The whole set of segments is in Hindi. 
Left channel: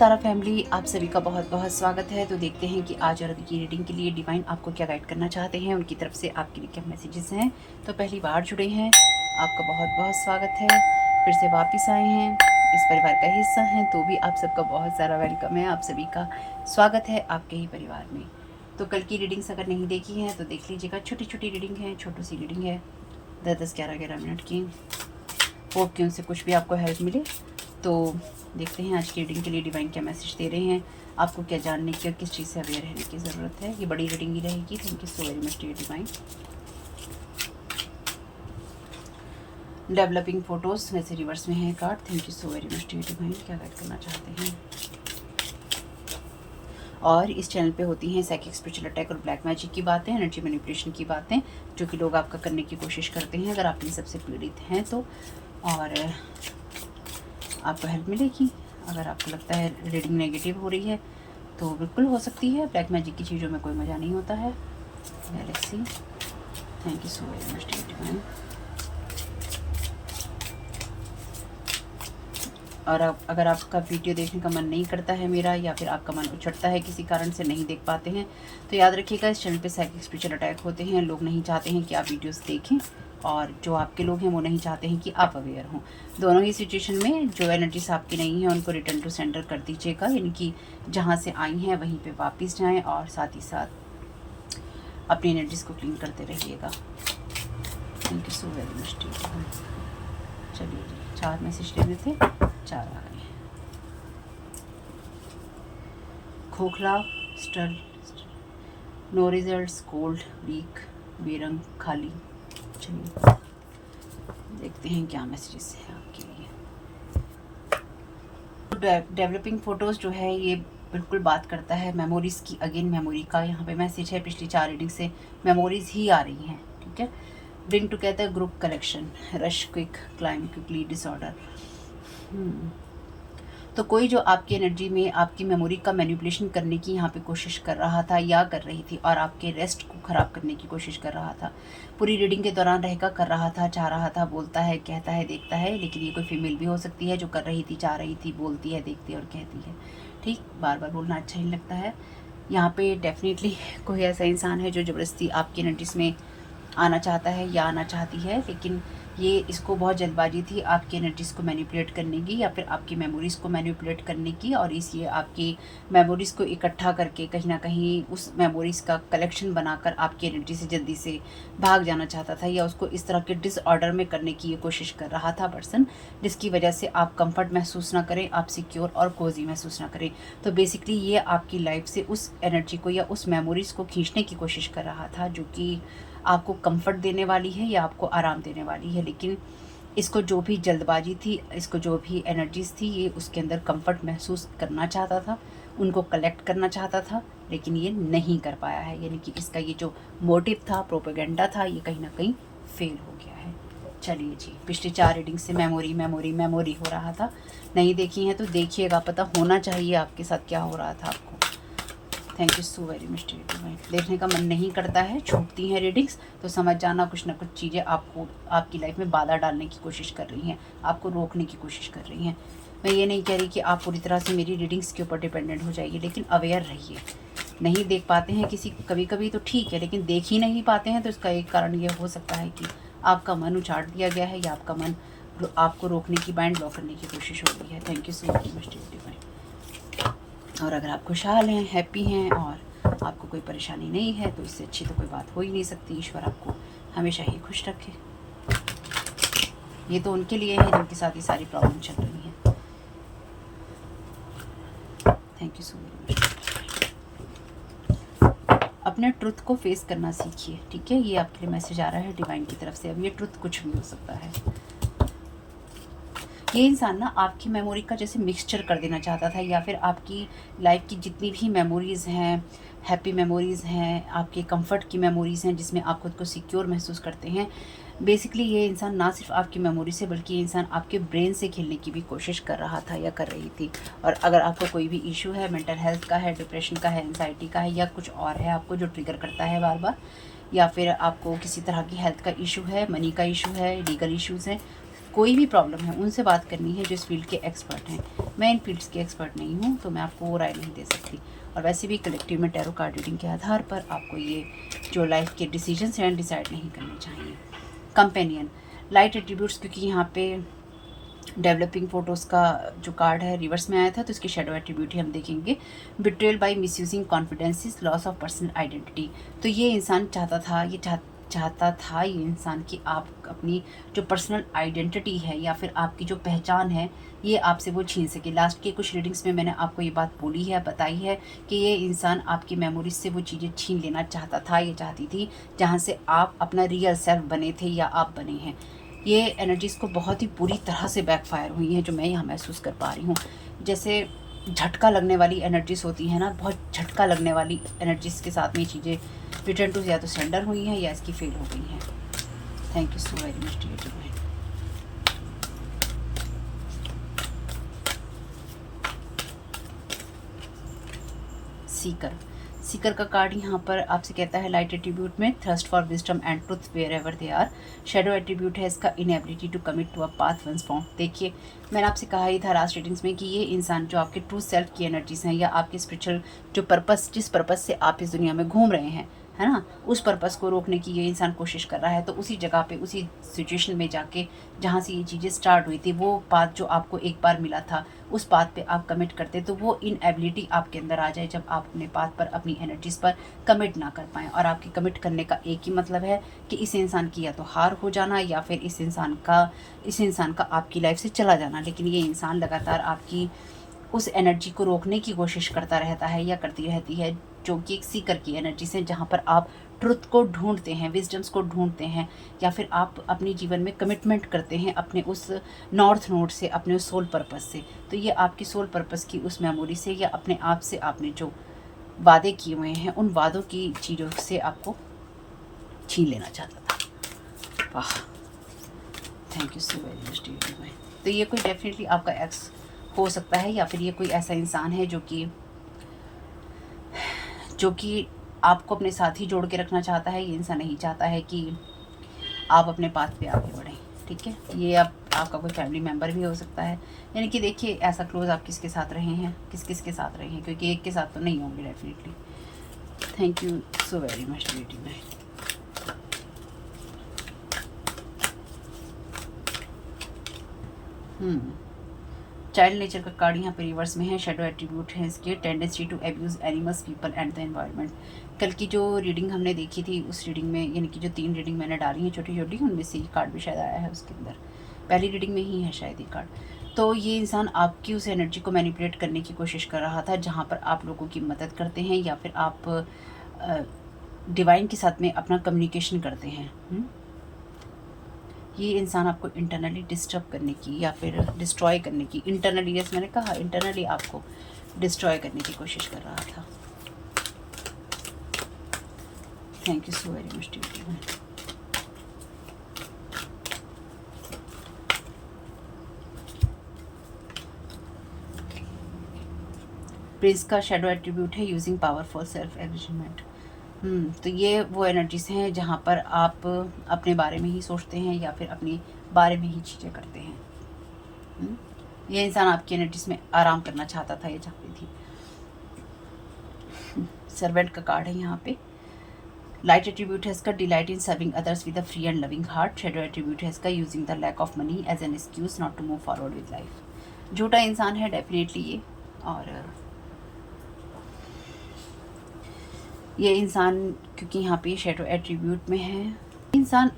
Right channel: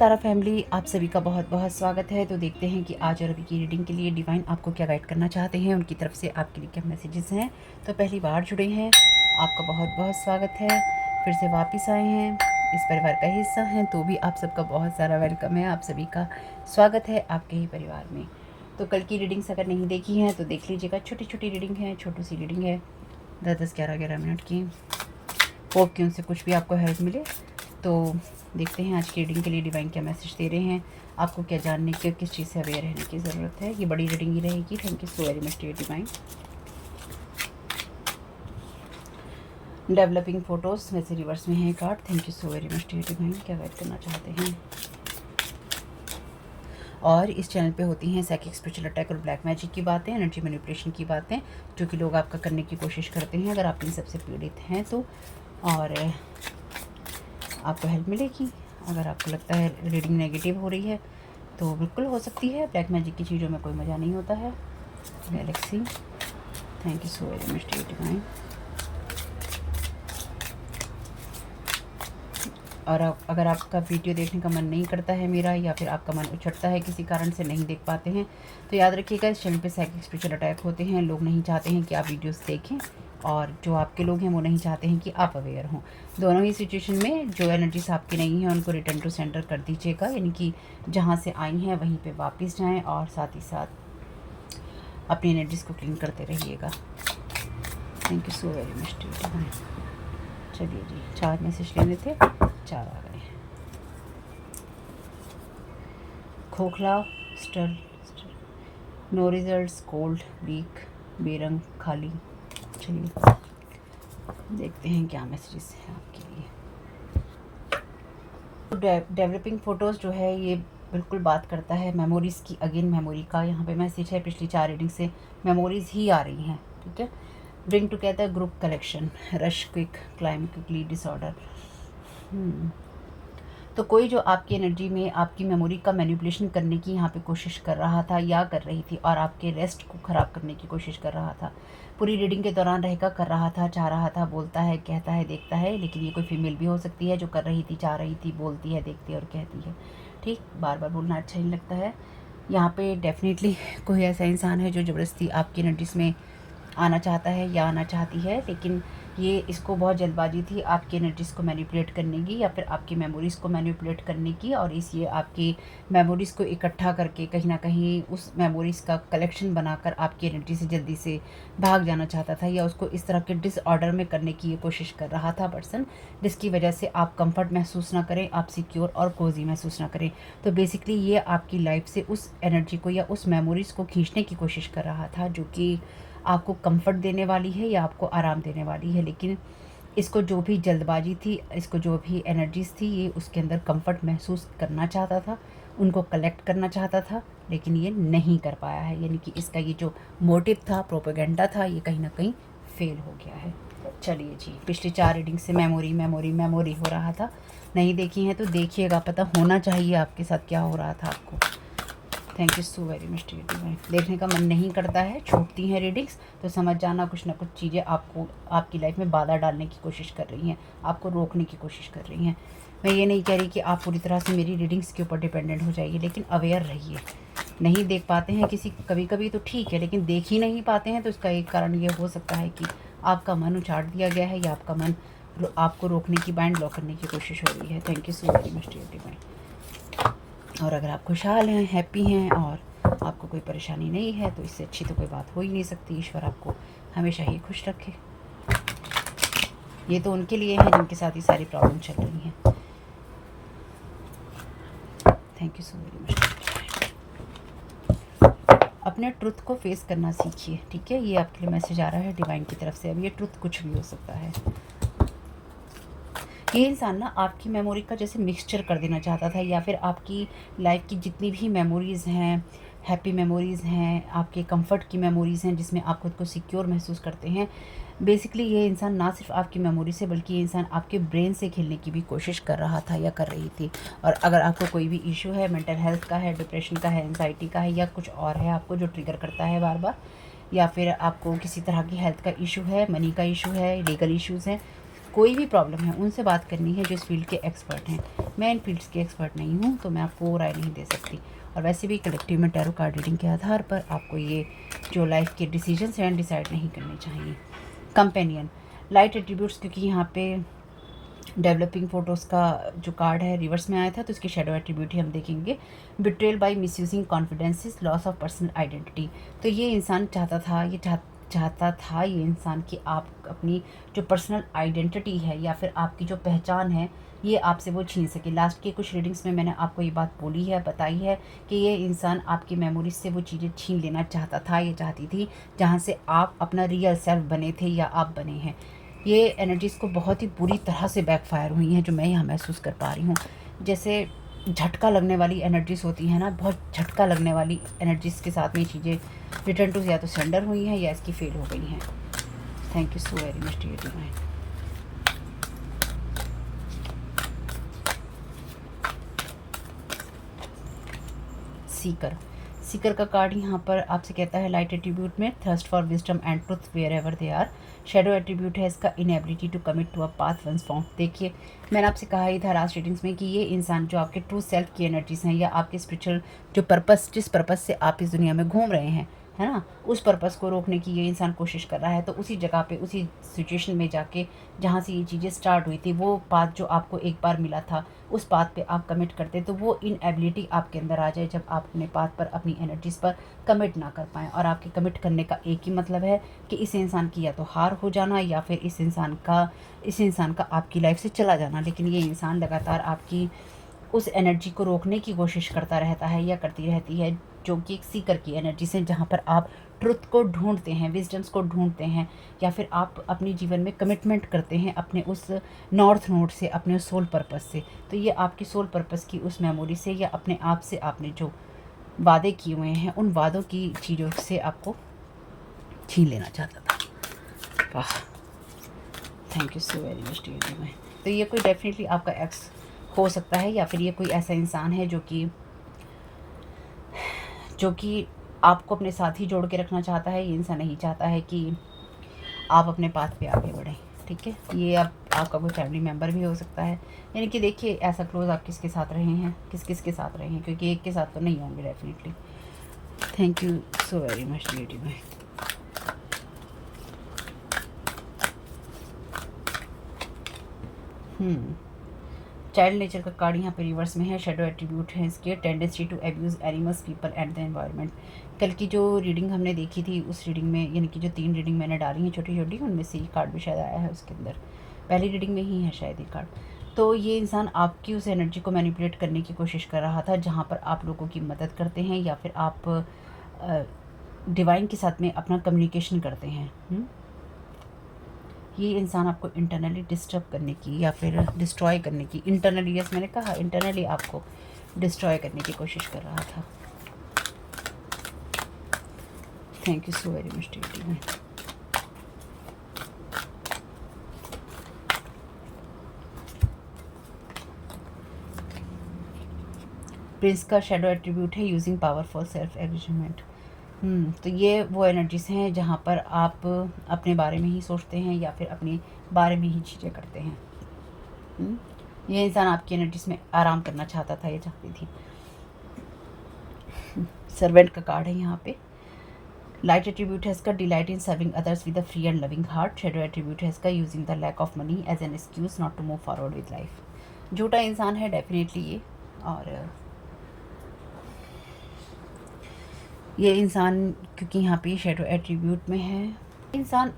तारा फैमिली, आप सभी का बहुत बहुत स्वागत है। तो देखते हैं कि आज और अभी की रीडिंग के लिए डिवाइन आपको क्या गाइड करना चाहते हैं, उनकी तरफ से आपके लिए क्या मैसेजेस हैं। तो पहली बार जुड़े हैं, आपका बहुत बहुत स्वागत है। फिर से वापस आए हैं, इस परिवार का हिस्सा हैं, तो भी आप सबका बहुत सारा वेलकम है। आप सभी का स्वागत है आपके ही परिवार में। तो कल की रीडिंग्स अगर नहीं देखी हैं तो देख लीजिएगा। छोटी छोटी रीडिंग है, छोटी सी रीडिंग है, 10-10, 11-11 मिनट की। होप कि उनसे कुछ भी आपको हेल्प मिले। तो देखते हैं आज की रीडिंग के लिए डिवाइन क्या मैसेज दे रहे हैं, आपको क्या जानने की और किस चीज़ से अवेयर रहने की ज़रूरत है। ये बड़ी रीडिंग ही रहेगी। Thank you so very much dear divine. Developing photos वैसे रिवर्स में है card. Thank you so very much dear divine, क्या गाइड करना चाहते हैं। और इस चैनल पे होती हैं साइकिक स्पिरिचुअल अटैक और ब्लैक मैजिक की बातें, एनर्जी मैनिपुलेशन की बातें, जो कि लोग आपका करने की कोशिश करते हैं। अगर आप इन सबसे पीड़ित हैं तो और आपको हेल्प मिलेगी। अगर आपको लगता है रीडिंग नेगेटिव हो रही है तो बिल्कुल हो सकती है। ब्लैक मैजिक की चीज़ों में कोई मज़ा नहीं होता है। Galaxy, thank you so very much dear divine. और अगर आपका वीडियो देखने का मन नहीं करता है मेरा, या फिर आपका मन उछटता है किसी कारण से नहीं देख पाते हैं, तो याद रखिएगा इस चैनल पे साइकिक स्पिरिचुअल अटैक होते हैं। लोग नहीं चाहते हैं कि आप वीडियोस देखें, और जो आपके लोग हैं वो नहीं चाहते हैं कि आप अवेयर हों। दोनों ही सिचुएशन में जो एनर्जीज आपकी नहीं है उनको रिटर्न टू सेंटर कर दीजिएगा, यानी कि जहाँ से आई हैं वहीं पर वापस जाएँ, और साथ ही साथ अपनी एनर्जीज को क्लीन करते रहिएगा। Thank you so very much. चलिए जी, 4 मैसेज लेने थे, 4 आ गए। खोखला, स्टल, नो रिजल्ट्स, कोल्ड, वीक, बेरंग, खाली। चलिए देखते हैं क्या मैसेजेस हैं आपके लिए। डेवलपिंग फ़ोटोज़ जो है ये बिल्कुल बात करता है मेमोरीज़ की। अगेन मेमोरी का यहाँ पे मैसेज है। पिछली 4 रीडिंग से मेमोरीज़ ही आ रही हैं, ठीक है। Bring together, group collection, rush, quick, climb quickly, disorder. तो कोई जो आपकी एनर्जी में आपकी मेमोरी का मैनिपुलेशन करने की यहाँ पे कोशिश कर रहा था या कर रही थी, और आपके रेस्ट को ख़राब करने की कोशिश कर रहा था। पूरी रीडिंग के दौरान रहेगा कर रहा था, चाह रहा था, बोलता है, कहता है, देखता है। लेकिन ये कोई फीमेल भी हो सकती है जो कर रही थी, चाह रही थी, बोलती है, देखती है और कहती है। ठीक, बार बार बोलना अच्छा नहीं लगता है। यहाँ पे डेफिनेटली कोई ऐसा इंसान है जो ज़बरदस्ती आपकी एनर्जीज में आना चाहता है या आना चाहती है, लेकिन ये इसको बहुत जल्दबाजी थी आपकी एनर्जीज़ को मैनिपुलेट करने की, या फिर आपकी मेमोरीज़ को मैनिपुलेट करने की। और इसलिए आपकी मेमोरीज़ को इकट्ठा करके कहीं ना कहीं उस मेमोरीज़ का कलेक्शन बनाकर आपकी एनर्जी से जल्दी से भाग जाना चाहता था, या उसको इस तरह के डिसऑर्डर में करने की ये कोशिश कर रहा था पर्सन, जिसकी वजह से आप कंफर्ट महसूस ना करें, आप सिक्योर और कोजी महसूस ना करें। तो बेसिकली ये आपकी लाइफ से उस एनर्जी को या उस मेमोरीज़ को खींचने की कोशिश कर रहा था, जो कि आपको कंफर्ट देने वाली है या आपको आराम देने वाली है। लेकिन इसको जो भी जल्दबाजी थी, इसको जो भी एनर्जीज थी, ये उसके अंदर कंफर्ट महसूस करना चाहता था, उनको कलेक्ट करना चाहता था, लेकिन ये नहीं कर पाया है। यानी कि इसका ये जो मोटिव था, प्रोपेगेंडा था, ये कहीं ना कहीं फेल हो गया है। चलिए जी, पिछली 4 रीडिंग से मेमोरी मेमोरी मेमोरी हो रहा था। नहीं देखी है तो देखिएगा, पता होना चाहिए आपके साथ क्या हो रहा था आपको। Thank you so very much dear divine. देखने का मन नहीं करता है, छूटती हैं रीडिंग्स, तो समझ जाना कुछ ना कुछ चीज़ें आपको आपकी लाइफ में बाधा डालने की कोशिश कर रही हैं, आपको रोकने की कोशिश कर रही हैं। मैं ये नहीं कह रही कि आप पूरी तरह से मेरी रीडिंग्स के ऊपर डिपेंडेंट हो जाइए, लेकिन अवेयर रहिए। नहीं देख पाते हैं किसी कभी कभी तो ठीक है, लेकिन देख ही नहीं पाते हैं तो इसका एक कारण ये हो सकता है कि आपका मन उछाड़ दिया गया है, या आपका मन आपको रोकने की, बाइंड लॉक करने की कोशिश हो रही है। Thank you so very much dear divine. और अगर आप खुशहाल हैं, हैप्पी हैं और आपको कोई परेशानी नहीं है, तो इससे अच्छी तो कोई बात हो ही नहीं सकती। ईश्वर आपको हमेशा ही खुश रखे। ये तो उनके लिए है जिनके साथ ये सारी प्रॉब्लम चल रही हैं। Thank you so very much. अपने ट्रुथ को फेस करना सीखिए, ठीक है। ये आपके लिए मैसेज आ रहा है डिवाइन की तरफ से। अब ये ट्रुथ कुछ भी हो सकता है। ये इंसान ना आपकी मेमोरी का जैसे मिक्सचर कर देना चाहता था, या फिर आपकी लाइफ की जितनी भी मेमोरीज़ हैं, हैप्पी मेमोरीज़ हैं, आपके कंफर्ट की मेमोरीज़ हैं, जिसमें आप खुद को सिक्योर महसूस करते हैं। बेसिकली ये इंसान ना सिर्फ आपकी मेमोरी से, बल्कि ये इंसान आपके ब्रेन से खेलने की भी कोशिश कर रहा था या कर रही थी। और अगर आपको कोई भी इशू है, मेंटल हेल्थ का है, डिप्रेशन का है, एंजाइटी का है, या कुछ और है आपको जो ट्रिगर करता है बार बार, या फिर आपको किसी तरह की हेल्थ का इशू है, मनी का इशू है, लीगल इश्यूज़ हैं, कोई भी प्रॉब्लम है उनसे बात करनी है जो इस फील्ड के एक्सपर्ट हैं। मैं इन फील्ड्स की एक्सपर्ट नहीं हूँ, तो मैं आपको राय नहीं दे सकती। और वैसे भी कलेक्टिव में टैरो कार्ड रीडिंग के आधार पर आपको ये जो लाइफ के डिसीजंस हैं डिसाइड नहीं करने चाहिए। कंपेनियन लाइट एट्रीब्यूट्स, क्योंकि यहाँ पे डेवलपिंग फोटोज़ का जो कार्ड है रिवर्स में आया था, तो इसकी शेडो एट्रीब्यूट ही हम देखेंगे। Betrayal by misusing confidences, loss of personal identity. तो ये इंसान चाहता था ये इंसान कि आप अपनी जो पर्सनल आइडेंटिटी है या फिर आपकी जो पहचान है ये आपसे वो छीन सके। लास्ट के कुछ रीडिंग्स में मैंने आपको ये बात बोली है, बताई है कि ये इंसान आपकी मेमोरीज से वो चीज़ें छीन लेना चाहता था, ये चाहती थी जहाँ से आप अपना रियल सेल्फ बने थे या आप बने हैं। ये एनर्जीज़ को बहुत ही बुरी तरह से बैकफायर हुई हैं, जो मैं यहाँ महसूस कर पा रही हूँ। जैसे झटका लगने वाली एनर्जीज़ होती हैं ना, बहुत झटका लगने वाली एनर्जीज़ के साथ में ये चीज़ें रिटर्न टू या तो सरेंडर हुई हैं या इसकी फेल हो गई हैं। Thank you so very much dear mind. Seeker का कार्ड यहाँ पर आपसे कहता है लाइट एट्रीब्यूट में thirst for wisdom and truth wherever they are. Shadow attribute है इसका inability to commit to a path once form. देखिए मैंने आपसे कहा ही था लास्ट रीडिंग्स में कि ये इंसान जो आपके ट्रू सेल्फ की एनर्जीज हैं या आपके स्पिरिचुअल जो पर्पस, जिस पर्पस से आप इस दुनिया में घूम रहे हैं, है ना, उस पर्पस को रोकने की ये इंसान कोशिश कर रहा है। तो उसी जगह पे, उसी सिचुएशन में जाके जहाँ से ये चीज़ें स्टार्ट हुई थी, वो पाथ जो आपको एक बार मिला था, उस पाथ पे आप कमिट करते तो वो इनएबिलिटी आपके अंदर आ जाए जब आप अपने पाथ पर, अपनी एनर्जीज पर कमिट ना कर पाएँ। और आपके कमिट करने का एक ही मतलब है कि इस इंसान की या तो हार हो जाना या फिर इस इंसान का आपकी लाइफ से चला जाना। लेकिन ये इंसान लगातार आपकी उस एनर्जी को रोकने की कोशिश करता रहता है या करती रहती है, जो कि एक सीकर की एनर्जी से, जहाँ पर आप ट्रुथ को ढूंढते हैं, विजडम्स को ढूंढते हैं, या फिर आप अपने जीवन में कमिटमेंट करते हैं अपने उस नॉर्थ नोड से, अपने उस सोल पर्पस से। तो ये आपकी सोल पर्पस की उस मेमोरी से या अपने आप से आपने जो वादे किए हुए हैं उन वादों की चीज़ों से आपको छीन लेना चाहता था। वाह, thank you so very much dear. तो ये कोई डेफिनेटली आपका एक्स हो सकता है या फिर ये कोई ऐसा इंसान है जो कि आपको अपने साथ ही जोड़ के रखना चाहता है। ये इंसान नहीं चाहता है कि आप अपने पाथ पे आगे बढ़ें। ठीक है, ये आपका कोई फैमिली मेम्बर भी हो सकता है। यानी कि देखिए ऐसा क्लोज आप किसके साथ रहे हैं, किसके साथ रहे हैं, क्योंकि एक के साथ तो नहीं होंगे definitely. Thank you so very much dear भाई। चाइल्ड नेचर का कार्ड यहाँ पे रिवर्स में है। शेडो एट्रीब्यूट है इसके tendency to abuse animals, people and the environment. कल की जो रीडिंग हमने देखी थी उस रीडिंग में, यानी कि जो 3 रीडिंग मैंने डाली हैं छोटी छोटी, उनमें से ये कार्ड भी शायद आया है उसके अंदर, पहली रीडिंग में ही है शायद ये कार्ड। तो ये इंसान आपकी उस एनर्जी को मैनिपुलेट करने की कोशिश कर रहा था, जहाँ पर आप लोगों की मदद करते हैं या फिर आप डिवाइन के साथ में अपना कम्युनिकेशन करते हैं। ये इंसान आपको इंटरनली डिस्टर्ब करने की या फिर डिस्ट्रॉय करने की, इंटरनली, जैसे मैंने कहा, इंटरनली आपको डिस्ट्रॉय करने की कोशिश कर रहा था। Thank you so very much dear. Prince का शेडो एट्रीब्यूट है यूजिंग पावरफुल सेल्फ एग्रीमेंट। तो ये वो एनर्जीज हैं जहाँ पर आप अपने बारे में ही सोचते हैं या फिर अपने बारे में ही चीज़ें करते हैं। ये इंसान आपकी एनर्जीज में आराम करना चाहता था, ये चाहती थी। सर्वेंट का कार्ड है यहाँ पे। लाइट एट्रीब्यूट है इसका delight in serving others with a free and loving heart. Shadow attribute है इसका using the lack of money as an excuse not to move forward with life. झूठा इंसान है डेफिनेटली ये, और ये इंसान, क्योंकि यहाँ पे शेडो एट्रीब्यूट में है, इंसान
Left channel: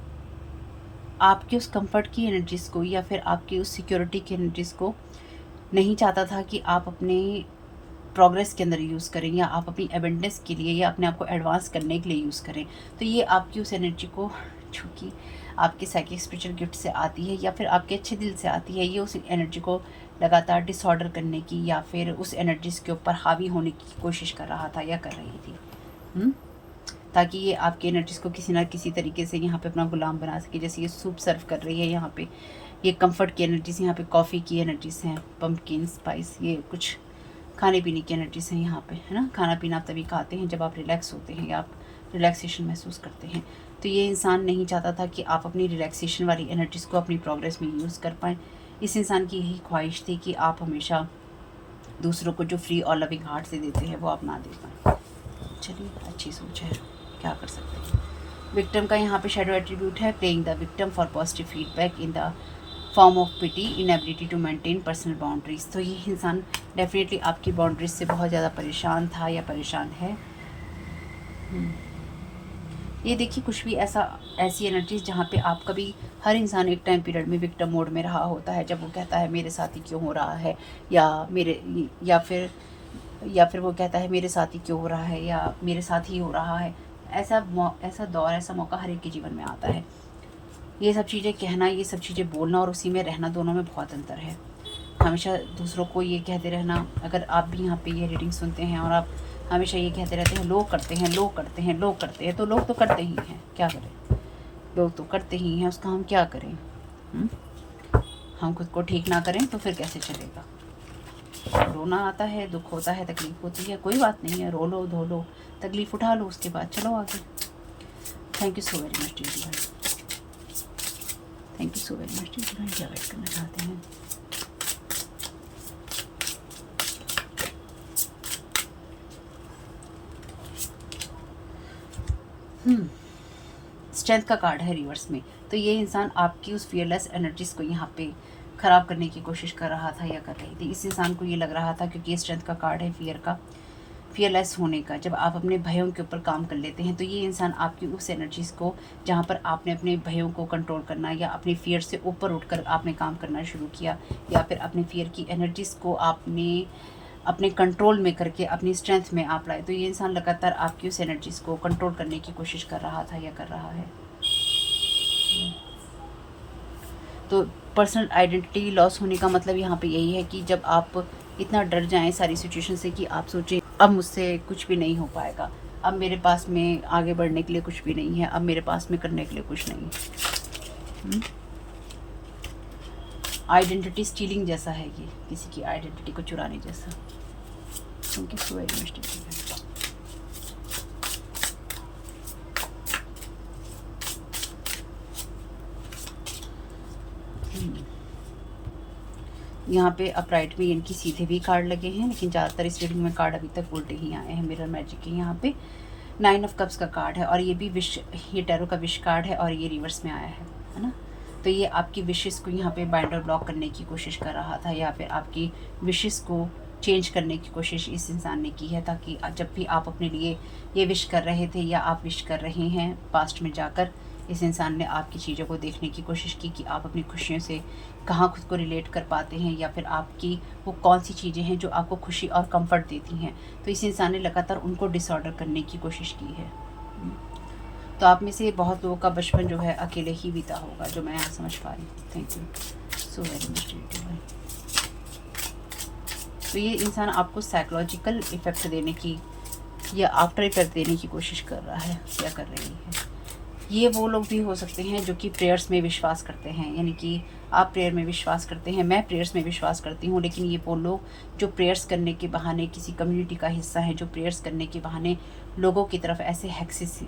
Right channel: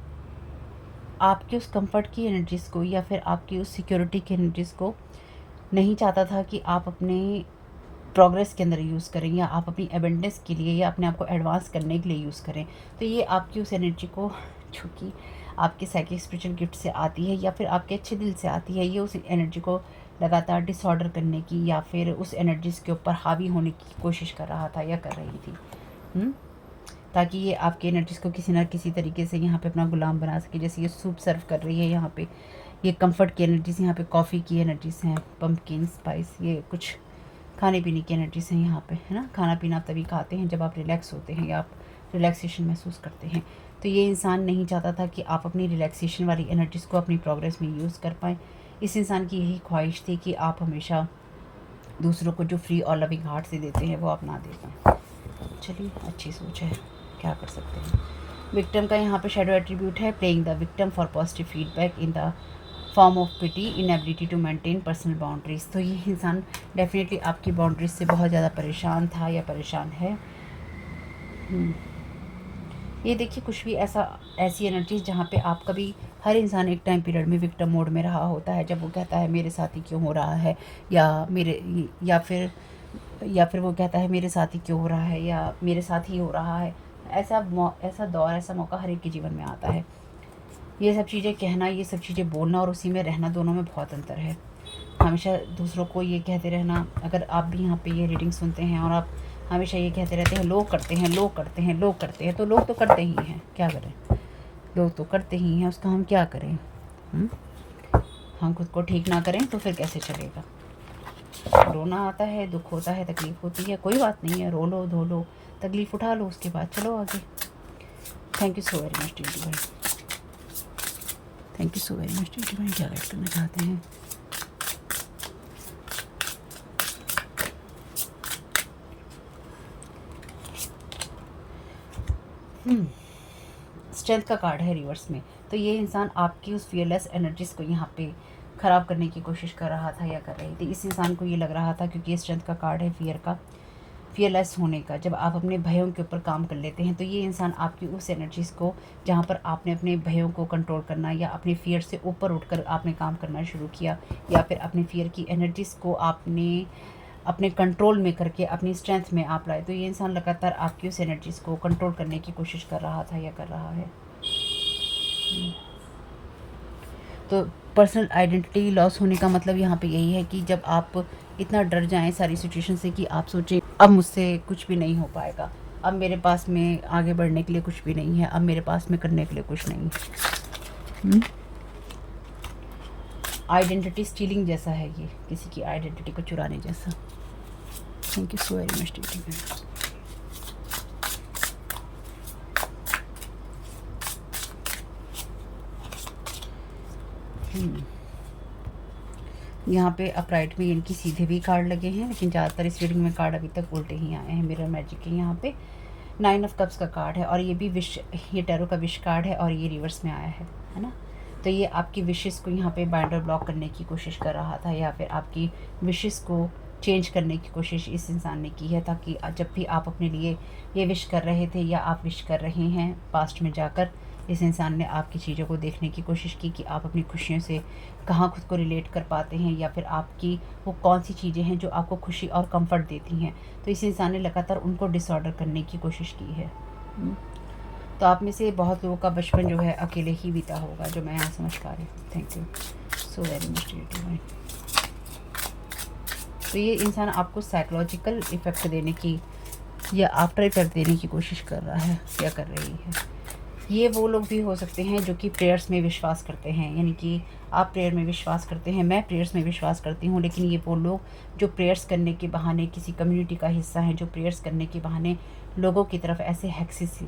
आपकी उस कंफर्ट की एनर्जीज़ को या फिर आपकी उस सिक्योरिटी की एनर्जीज़ को नहीं चाहता था कि आप अपने प्रोग्रेस के अंदर यूज़ करें या आप अपनी एबेंडेंस के लिए या अपने आप को एडवांस करने के लिए यूज़ करें। तो ये आपकी उस एनर्जी को, जो कि आपके साइकिक स्पिरिचुअल गिफ्ट से आती है या फिर आपके अच्छे दिल से आती है, ये उस एनर्जी को लगातार डिसऑर्डर करने की या फिर उस एनर्जीज़ के ऊपर हावी होने की कोशिश कर रहा था या कर रही थी, ताकि ये आपकी एनर्जीज़ को किसी ना किसी तरीके से यहाँ पे अपना गुलाम बना सके। जैसे ये सूप सर्व कर रही है यहाँ पे, ये कंफर्ट की एनर्जीज़, यहाँ पे कॉफ़ी की एनर्जीज़ हैं, पम्पकिन स्पाइस, ये कुछ खाने पीने की एनर्जीज़ हैं यहाँ पे, है ना। खाना पीना आप तभी खाते हैं जब आप रिलैक्स होते हैं या आप रिलैक्सेशन महसूस करते हैं। तो ये इंसान नहीं चाहता था कि आप अपनी रिलैक्सेशन वाली एनर्जीज़ को अपनी प्रोग्रेस में यूज़ कर पाएँ। इस इंसान की यही ख्वाहिश थी कि आप हमेशा दूसरों को जो फ्री और लविंग हार्ट से देते हैं वो आप ना दे पाएँ। चलिए, अच्छी सोच है, क्या कर सकते हैं। विक्टिम का यहाँ पे शैडो एट्रीब्यूट है, playing the victim for positive feedback in the form of pity, inability to maintain personal boundaries. तो ये इंसान डेफिनेटली आपकी बाउंड्रीज से बहुत ज़्यादा परेशान था या परेशान है। ये देखिए, कुछ भी ऐसी एनर्जीज जहाँ पे आप कभी, हर इंसान एक टाइम पीरियड में विक्टिम मोड में रहा होता है, जब वो कहता है मेरे साथ ही क्यों हो रहा है, या फिर वो कहता है मेरे साथ ही क्यों हो रहा है, या मेरे साथ ही हो रहा है। ऐसा दौर, ऐसा मौका हर एक के जीवन में आता है। ये सब चीज़ें कहना, ये सब चीज़ें बोलना और उसी में रहना, दोनों में बहुत अंतर है। हमेशा दूसरों को ये कहते रहना, अगर आप भी यहाँ पे ये रीडिंग सुनते हैं और आप हमेशा ये कहते रहते हैं लोग करते हैं, लोग करते हैं, लोग करते हैं, तो लोग तो करते ही हैं, क्या करें, लोग तो करते ही हैं, उसका हम क्या करें। हम खुद को ठीक ना करें तो फिर कैसे चलेगा। रोना आता है, दुख होता है, तकलीफ होती है, कोई बात नहीं है, रो लो, धो लो, तकलीफ उठा लो, उसके बाद चलो आगे। Thank you so very much DD भाई, thank you so very much DD भाई। क्या वेट करना चाहते हैं। स्ट्रेंथ का कार्ड है रिवर्स में। तो ये इंसान आपकी उस फियरलेस एनर्जीज को यहाँ पे ख़राब करने की कोशिश कर रहा था या कर रही थी। इस इंसान को ये लग रहा था, क्योंकि ये स्ट्रेंथ का कार्ड है, फियरलेस होने का। जब आप अपने भयों के ऊपर काम कर लेते हैं तो ये इंसान आपकी उस एनर्जीज़ को, जहाँ पर आपने अपने भयों को कंट्रोल करना या अपने फियर से ऊपर उठकर आपने काम करना शुरू किया, या फिर अपने फियर की एनर्जीज़ को आपने अपने कंट्रोल में करके अपनी स्ट्रेंथ में आप लाए, तो ये इंसान लगातार आपकी उस एनर्जीज़ को कंट्रोल करने की कोशिश कर रहा था या कर रहा है। तो पर्सनल आइडेंटिटी लॉस होने का मतलब यहाँ पे यही है कि जब आप इतना डर जाएं सारी सिचुएशन से कि आप सोचें अब मुझसे कुछ भी नहीं हो पाएगा, अब मेरे पास में आगे बढ़ने के लिए कुछ भी नहीं है, अब मेरे पास में करने के लिए कुछ नहीं है। आइडेंटिटी स्टीलिंग जैसा है ये, किसी की आइडेंटिटी को चुराने जैसा। Thank you so very much. यहाँ पे अपराइट में इनकी सीधे भी कार्ड लगे हैं, लेकिन ज़्यादातर इस रीडिंग में कार्ड अभी तक उल्टे ही आए हैं। मिरर मैजिक के यहाँ पे 9 ऑफ कप्स का कार्ड है, और ये भी ये टैरो का विश कार्ड है, और ये रिवर्स में आया है ना। तो ये आपकी विशेस को यहाँ पे बाइंडर ब्लॉक करने की कोशिश कर रहा था, या फिर आपकी विशेस को चेंज करने की कोशिश इस इंसान ने की है, ताकि जब भी आप अपने लिए ये विश कर रहे थे या आप विश कर रहे हैं पास्ट में जाकर, इस इंसान ने आपकी चीज़ों को देखने की कोशिश की कि आप अपनी खुशियों से कहाँ खुद को रिलेट कर पाते हैं, या फिर आपकी वो कौन सी चीज़ें हैं जो आपको खुशी और कंफर्ट देती हैं। तो इस इंसान ने लगातार उनको डिसऑर्डर करने की कोशिश की है। तो आप में से बहुत लोगों का बचपन जो है अकेले ही बीता होगा, जो मैं यहाँ समझ पा रही हूँ। Thank you so very much. तो ये इंसान आपको साइकोलॉजिकल इफ़ेक्ट देने की या आफ्टर इफेक्ट देने की कोशिश कर रहा है या कर रही है। ये वो लोग भी हो सकते हैं जो कि प्रेयर्स में विश्वास करते हैं, यानी कि आप प्रेयर में विश्वास करते हैं, मैं प्रेयर्स में विश्वास करती हूँ, लेकिन ये वो लोग जो प्रेयर्स करने के बहाने किसी कम्युनिटी का हिस्सा हैं, जो प्रेयर्स करने के बहाने लोगों की तरफ ऐसे हेक्सेस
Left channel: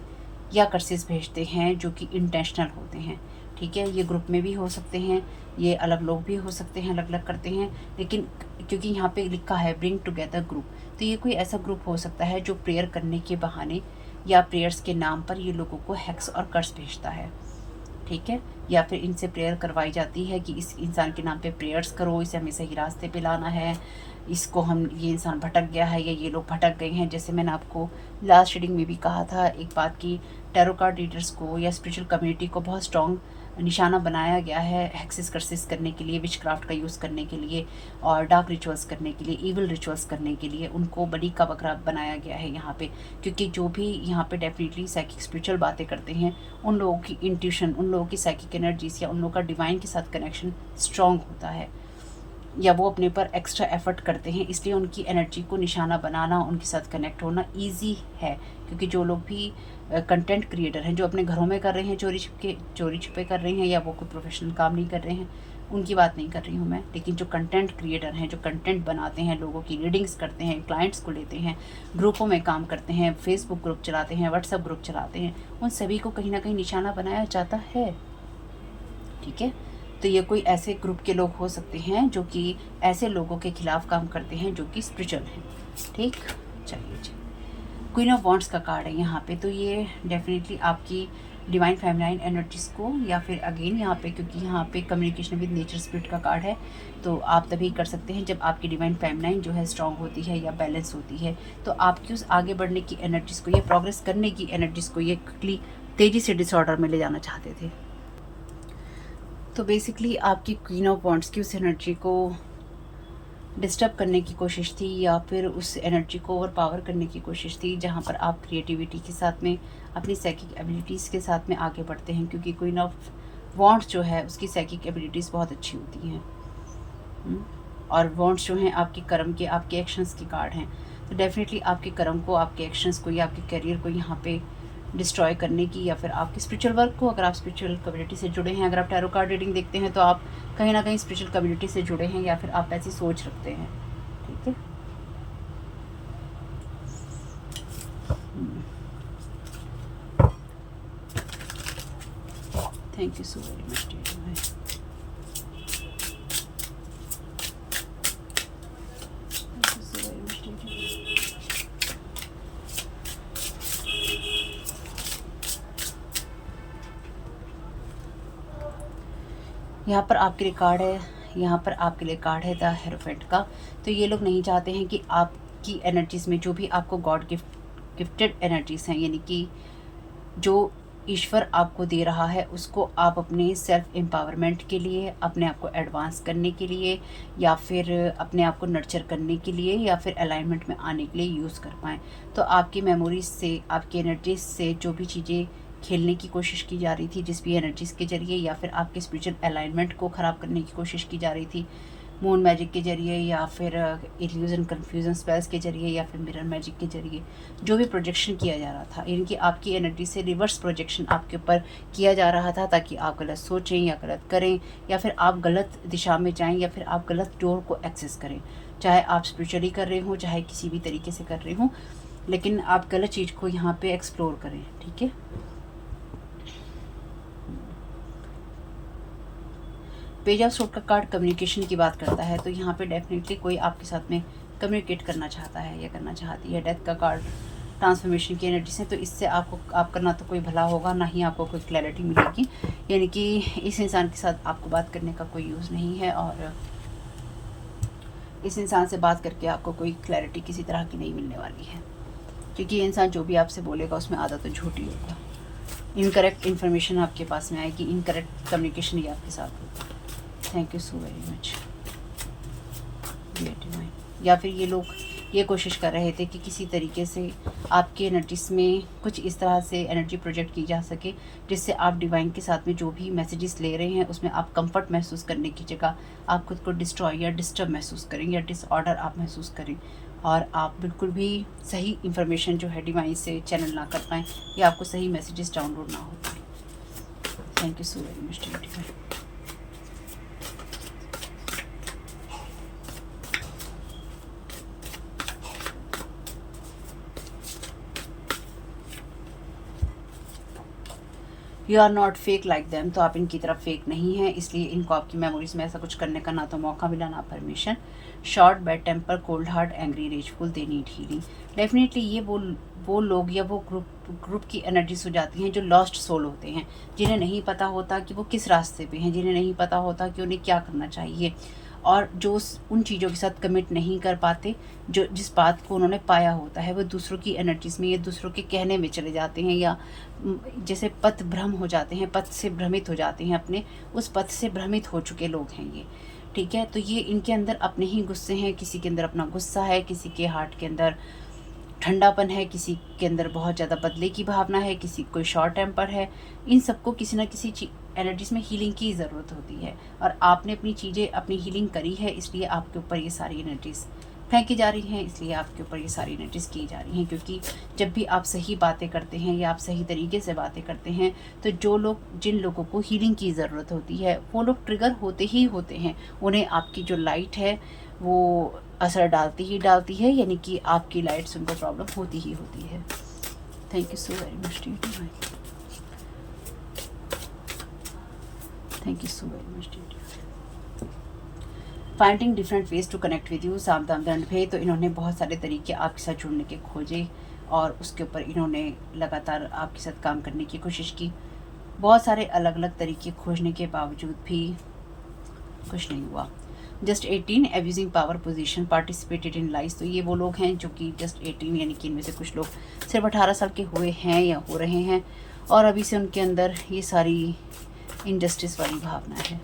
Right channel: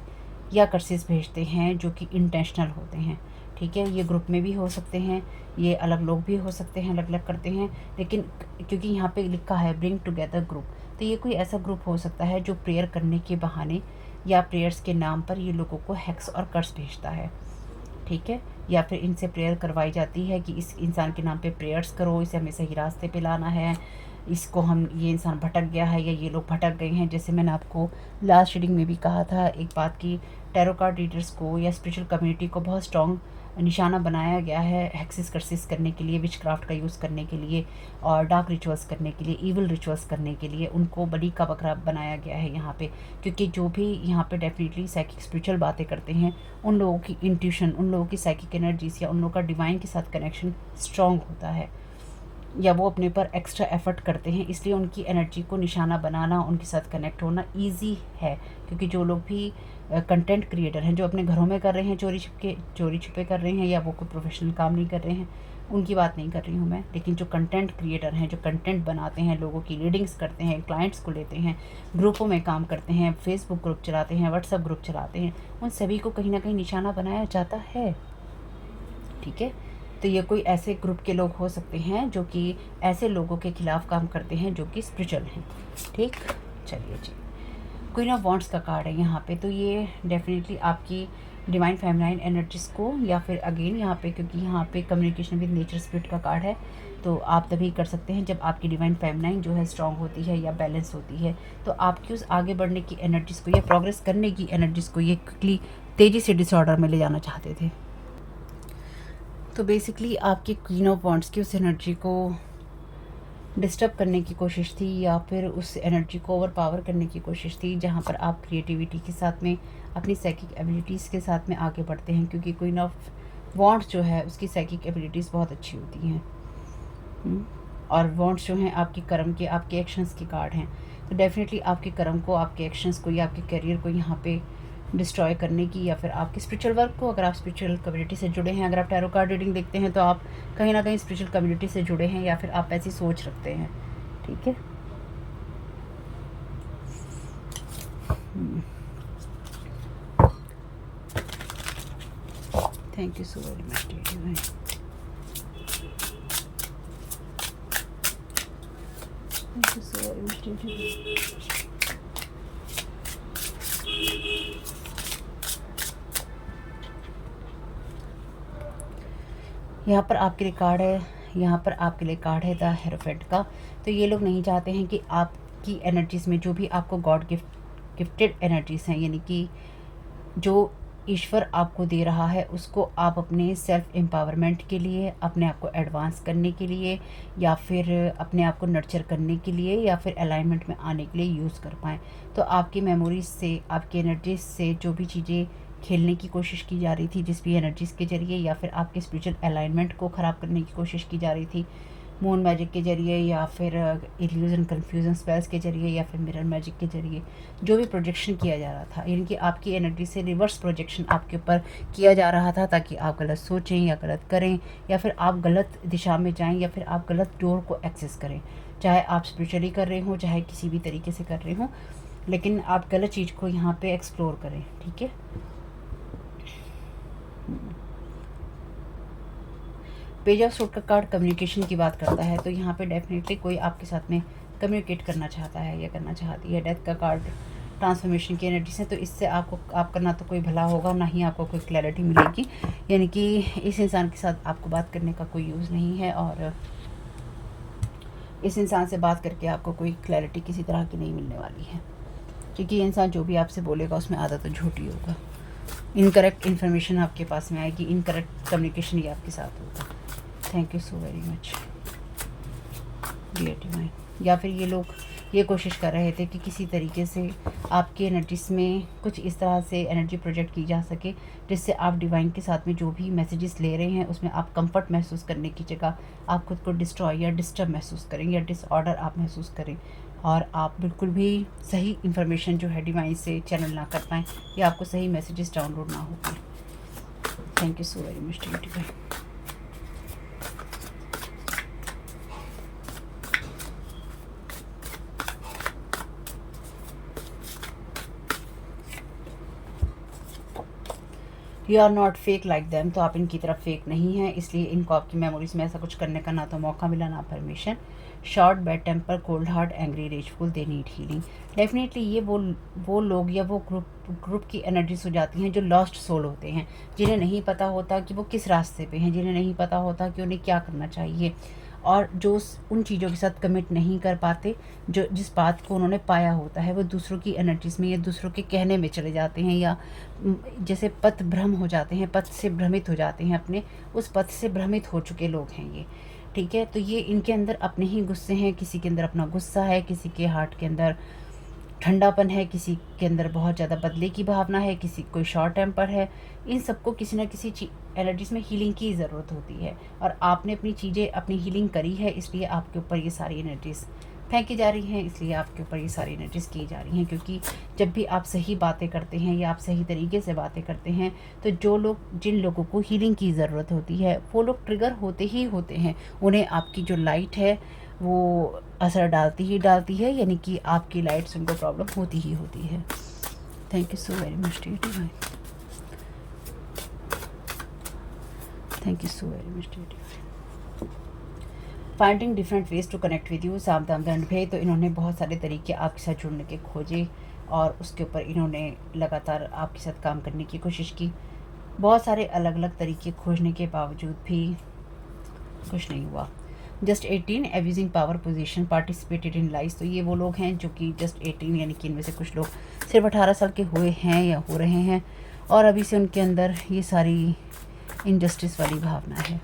या कर्सेस भेजते हैं जो कि इंटेंशनल होते हैं। ठीक है, ये ग्रुप में भी हो सकते हैं, ये अलग लोग भी हो सकते हैं, अलग अलग करते हैं, लेकिन क्योंकि यहाँ पे लिखा है ब्रिंग टुगेदर ग्रुप, तो ये कोई ऐसा ग्रुप हो सकता है जो प्रेयर करने के बहाने या प्रेयर्स के नाम पर ये लोगों को हैक्स और कर्स भेजता है। ठीक है, या फिर इनसे प्रेयर करवाई जाती है कि इस इंसान के नाम पे प्रेयर्स करो, इसे हमें सही रास्ते पे लाना है, इसको हम, ये इंसान भटक गया है या ये लोग भटक गए हैं। जैसे मैंने आपको लास्ट रीडिंग में भी कहा था एक बात की, टैरो कार्ड रीडर्स को या स्पिरिचुअल कम्युनिटी को बहुत स्ट्रॉन्ग निशाना बनाया गया है हैक्सेस कर्सेस करने के लिए, विच क्राफ्ट का यूज़ करने के लिए, और डार्क रिचुअल्स करने के लिए, इवल रिचुअल्स करने के लिए उनको बलि का बकरा बनाया गया है यहाँ पे। क्योंकि जो भी यहाँ पे डेफिनेटली साइकिक स्पिरिचुअल बातें करते हैं, उन लोगों की इंट्यूशन, उन लोगों की साइकिक एनर्जीज या उन लोगों का डिवाइन के साथ कनेक्शन स्ट्रॉन्ग होता है, या वो अपने ऊपर एक्स्ट्रा एफर्ट करते हैं, इसलिए उनकी एनर्जी को निशाना बनाना, उनके साथ कनेक्ट होना ईजी है। क्योंकि जो लोग भी कंटेंट क्रिएटर हैं, जो अपने घरों में कर रहे हैं चोरी छुपे कर रहे हैं, या वो कोई प्रोफेशनल काम नहीं कर रहे हैं, उनकी बात नहीं कर रही हूँ मैं, लेकिन जो कंटेंट क्रिएटर हैं, जो कंटेंट बनाते हैं, लोगों की रीडिंग्स करते हैं, क्लाइंट्स को लेते हैं, ग्रुपों में काम करते हैं, फेसबुक ग्रुप चलाते हैं, व्हाट्सएप ग्रुप चलाते हैं, उन सभी को कहीं ना कहीं निशाना बनाया जाता है। ठीक है, तो ये कोई ऐसे ग्रुप के लोग हो सकते हैं जो कि ऐसे लोगों के खिलाफ काम करते हैं जो कि स्पिरिचुअल हैं। ठीक, चलिए जी, क्वीन ऑफ वॉन्ड्स का कार्ड है यहाँ पे, तो ये डेफिनेटली आपकी डिवाइन फेमिनाइन एनर्जीज को, या फिर अगेन यहाँ पे, क्योंकि यहाँ पे कम्युनिकेशन विद नेचर स्पिरिट का कार्ड है, तो आप तभी कर सकते हैं जब आपकी डिवाइन फेमिनाइन जो है स्ट्रांग होती है या बैलेंस होती है। तो आपकी उस आगे बढ़ने की एनर्जीज को, ये प्रोग्रेस करने की एनर्जीज को ये क्विकली तेज़ी से डिसऑर्डर में ले जाना चाहते थे। तो बेसिकली आपकी क्वीन ऑफ वॉन्ड्स की उस एनर्जी को डिस्टर्ब करने की कोशिश थी, या फिर उस एनर्जी को ओवर पावर करने की कोशिश थी, जहाँ पर आप क्रिएटिविटी के साथ में, अपनी साइकिक एबिलिटीज़ के साथ में आगे बढ़ते हैं, क्योंकि क्वीन ऑफ वॉन्ड्स जो है उसकी साइकिक एबिलिटीज़ बहुत अच्छी होती हैं। और वॉन्ड्स जो हैं आपकी कर्म के, आपके एक्शंस के कार्ड हैं, तो डेफिनेटली आपके कर्म को, आपके एक्शंस को या आपके करियर को यहाँ पे डिस्ट्रॉय करने की, या फिर आपके स्पिरिचुअल वर्क को, अगर आप स्पिरिचुअल कम्युनिटी से जुड़े हैं, अगर आप टैरो कार्ड रीडिंग देखते हैं तो आप कहीं ना कहीं स्पिरिचुअल कम्युनिटी से जुड़े हैं, या फिर आप ऐसी सोच रखते हैं। ठीक है, thank you so very much. Thank you so very much. यहाँ पर आपके लिए कार्ड है, यहाँ पर आपके लिए कार्ड है द हेरोफेंट का। तो ये लोग नहीं चाहते हैं कि आपकी एनर्जीज़ में जो भी आपको गॉड गिफ्टेड एनर्जीज़ हैं, यानी कि जो ईश्वर आपको दे रहा है, उसको आप अपने सेल्फ एम्पावरमेंट के लिए, अपने आप को एडवांस करने के लिए, या फिर अपने आप को नर्चर करने के लिए, या फिर अलाइनमेंट में आने के लिए यूज़ कर पाएँ। तो आपकी मेमोरीज से, आपकी एनर्जीज से जो भी चीज़ें खेलने की कोशिश की जा रही थी, जिस भी एनर्जीज़ के जरिए, या फिर आपके स्पिरिचुअल अलाइनमेंट को ख़राब करने की कोशिश की जा रही थी, मून मैजिक के जरिए, या फिर इल्यूजन कन्फ्यूजन स्पेल्स के जरिए, या फिर मिरर मैजिक के जरिए, जो भी प्रोजेक्शन किया जा रहा था, यानी कि आपकी एनर्जी से रिवर्स प्रोजेक्शन आपके ऊपर किया जा रहा था, ताकि आप गलत सोचें या गलत करें, या फिर आप गलत दिशा में जाएं, या फिर आप गलत डोर को एक्सेस करें। चाहे आप स्पिरिचुअली कर रहे हों, चाहे किसी भी तरीके से कर रहे हों, लेकिन आप गलत चीज़ को यहाँ पे एक्सप्लोर करें। ठीक है, पेज ऑफ सूट का कार्ड कम्युनिकेशन की बात करता है, तो यहाँ पे डेफिनेटली कोई आपके साथ में कम्युनिकेट करना चाहता है या करना चाहती है। डेथ का कार्ड ट्रांसफॉर्मेशन की एनर्जी से, तो इससे आप करना तो कोई भला होगा, ना ही आपको कोई क्लैरिटी मिलेगी, यानी कि इस इंसान के साथ आपको बात करने का कोई यूज़ नहीं है, और इस इंसान से बात करके आपको कोई क्लैरिटी किसी तरह की नहीं मिलने वाली है, क्योंकि ये इंसान जो भी आपसे बोलेगा उसमें आधा तो झूठ ही होगा। इनकरेक्ट इन्फॉर्मेशन आपके पास में आएगी, इनकरेक्ट कम्युनिकेशन ही आपके साथ होगा। Thank you so very much dear divine. या फिर ये लोग ये कोशिश कर रहे थे कि किसी तरीके से आपकी एनर्जीज में कुछ इस तरह से एनर्जी प्रोजेक्ट की जा सके, जिससे आप डिवाइन के साथ में जो भी मैसेजेस ले रहे हैं उसमें आप कंफर्ट महसूस करने की जगह आप खुद को डिस्ट्रॉय या डिस्टर्ब महसूस करें, या डिसऑर्डर आप महसूस करें, और आप बिल्कुल भी सही इन्फॉर्मेशन जो है डिवाइन से चैनल ना कर पाएँ, या आपको सही मैसेजेस डाउनलोड ना हो पाए। Thank you so very much dear divine. You are not fake like them, तो आप इनकी तरफ फेक नहीं हैं, इसलिए इनको आपकी मेमोरीज में ऐसा कुछ करने का ना तो मौका मिला, ना permission. Short, bad temper, cold heart, angry, rageful, they need healing. Definitely ये वो लोग या वो ग्रुप की एनर्जीज हो जाती हैं जो लॉस्ट सोल होते हैं, जिन्हें नहीं पता होता कि वो किस रास्ते पे हैं, जिन्हें नहीं पता होता कि उन्हें क्या करना चाहिए, और जो उन चीज़ों के साथ कमिट नहीं कर पाते, जो जिस बात को उन्होंने पाया होता है, वो दूसरों की एनर्जीज़ में या दूसरों के कहने में चले जाते हैं, या जैसे पथ भ्रम हो जाते हैं, पथ से भ्रमित हो जाते हैं, अपने उस पथ से भ्रमित हो चुके लोग हैं ये। ठीक है, तो ये इनके अंदर अपने ही गुस्से हैं, किसी के अंदर अपना गुस्सा है, किसी के हार्ट के अंदर ठंडापन है, किसी के अंदर बहुत ज़्यादा बदले की भावना है, किसी कोई शॉर्ट टेम्पर है। इन सबको किसी ना किसी एनर्जीज में हीलिंग की ज़रूरत होती है, और आपने अपनी चीज़ें अपनी हीलिंग करी है, इसलिए आपके ऊपर ये सारी एनर्जीज फेंकी जा रही हैं, इसलिए आपके ऊपर ये सारी एनर्जीज की जा रही हैं। क्योंकि जब भी आप सही बातें करते हैं या आप सही तरीके से बातें करते हैं, तो जिन लोगों को हीलिंग की ज़रूरत होती है वो लोग ट्रिगर होते ही होते हैं। उन्हें आपकी जो लाइट है वो असर डालती है, यानी कि आपकी लाइट से उनको प्रॉब्लम होती ही होती है। Thank you so very much dear divine, thank you so very much dear divine. Finding different ways to connect with you, साम दाम दंड भे। तो इन्होंने बहुत सारे तरीके आपके साथ जुड़ने के खोजे और उसके ऊपर इन्होंने लगातार आपके साथ काम करने की कोशिश की। बहुत सारे अलग अलग तरीके खोजने के बावजूद भी कुछ नहीं हुआ। Just 18 abusing power position participated in life. तो ये वो लोग हैं जो कि जस्ट 18, यानी कि इनमें से कुछ लोग सिर्फ 18 साल के हुए हैं या हो रहे हैं और अभी से उनके अंदर ये सारी इनजस्टिस वाली भावना है।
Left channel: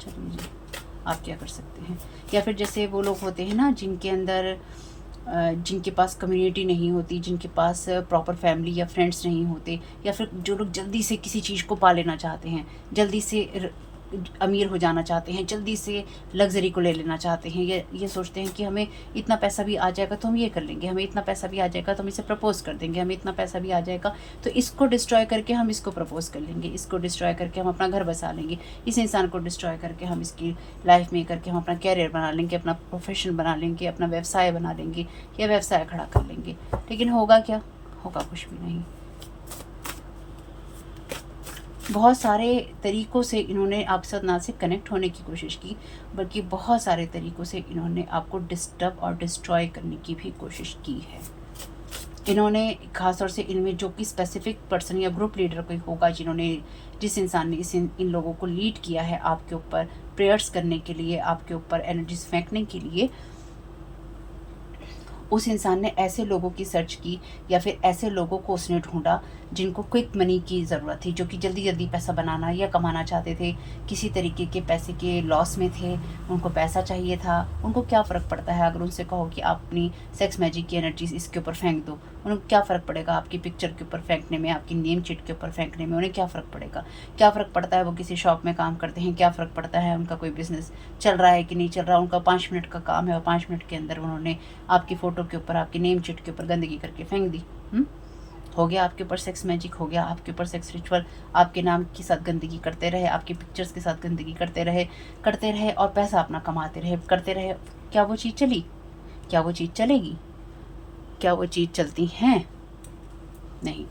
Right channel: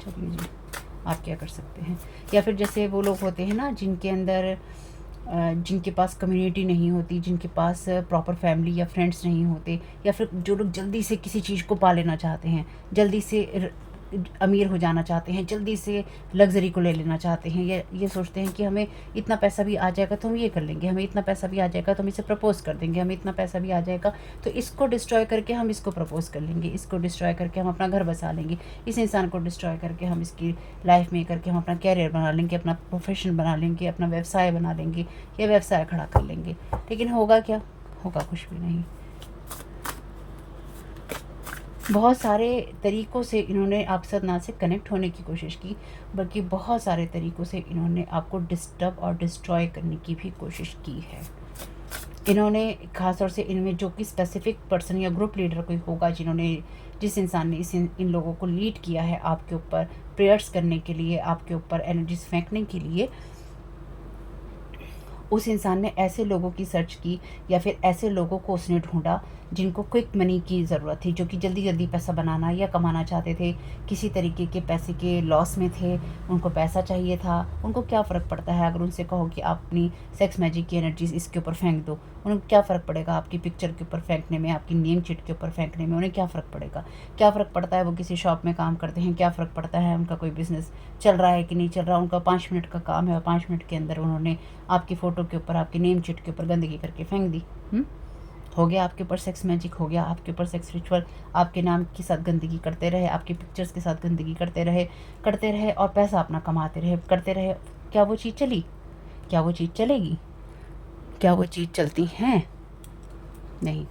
चलिए जी, आप क्या कर सकते हैं। या फिर जैसे वो लोग होते हैं ना जिनके अंदर जिनके पास कम्युनिटी नहीं होती, जिनके पास प्रॉपर फैमिली या फ्रेंड्स नहीं होते, या फिर जो लोग जल्दी से किसी चीज़ को पा लेना चाहते हैं, जल्दी से अमीर हो जाना चाहते हैं, जल्दी से लग्जरी को ले लेना चाहते हैं, ये सोचते हैं कि हमें इतना पैसा भी आ जाएगा तो हम ये कर लेंगे, हमें इतना पैसा भी आ जाएगा तो हम इसे प्रपोज कर देंगे, हमें इतना पैसा भी आ जाएगा तो इसको डिस्ट्रॉय करके हम इसको प्रपोज कर लेंगे, इसको डिस्ट्रॉय करके हम अपना घर बसा लेंगे, इस इंसान को डिस्ट्रॉय करके हम इसकी लाइफ में करके हम अपना कैरियर बना लेंगे, अपना प्रोफेशन बना लेंगे, अपना व्यवसाय बना लेंगे या व्यवसाय खड़ा कर लेंगे। लेकिन होगा क्या? होगा कुछ भी नहीं। बहुत सारे तरीक़ों से इन्होंने आपके साथ ना सिर्फ कनेक्ट होने की कोशिश की, बल्कि बहुत सारे तरीक़ों से इन्होंने आपको डिस्टर्ब और डिस्ट्रॉय करने की भी कोशिश की है। इन्होंने ख़ास तौर से इनमें जो कि स्पेसिफिक पर्सन या ग्रुप लीडर कोई होगा जिस इंसान ने इन लोगों को लीड किया है आपके ऊपर प्रेयर्स करने के लिए, आपके ऊपर एनर्जीज फेंकने के लिए, उस इंसान ने ऐसे लोगों की सर्च की या फिर ऐसे लोगों को उसने ढूंढा जिनको क्विक मनी की ज़रूरत थी, जो कि जल्दी जल्दी पैसा बनाना या कमाना चाहते थे, किसी तरीके के पैसे के लॉस में थे, उनको पैसा चाहिए था। उनको क्या फ़र्क पड़ता है अगर उनसे कहो कि आप अपनी सेक्स मैजिक की एनर्जीज इसके ऊपर फेंक दो, उनको क्या फ़र्क पड़ेगा आपकी पिक्चर के ऊपर फेंकने में, आपकी नेम चिट के ऊपर फेंकने में, उन्हें क्या फ़र्क पड़ेगा? क्या फ़र्क पड़ता है वो किसी शॉप में काम करते हैं, क्या फ़र्क पड़ता है उनका कोई बिज़नेस चल रहा है कि नहीं चल रहा, उनका 5 मिनट का काम है और 5 मिनट के अंदर उन्होंने आपकी फ़ोटो के ऊपर, आपकी नेम चिट के ऊपर गंदगी करके फेंक दी। हो गया आपके ऊपर सेक्स मैजिक, हो गया आपके ऊपर सेक्स रिचुअल, आपके नाम के साथ गंदगी करते रहे, आपकी पिक्चर्स के साथ गंदगी करते रहे और पैसा अपना कमाते रहे, करते रहे। क्या वो चीज़ चली? क्या वो चीज़ चलेगी? क्या वो चीज़ चलती हैं? नहीं,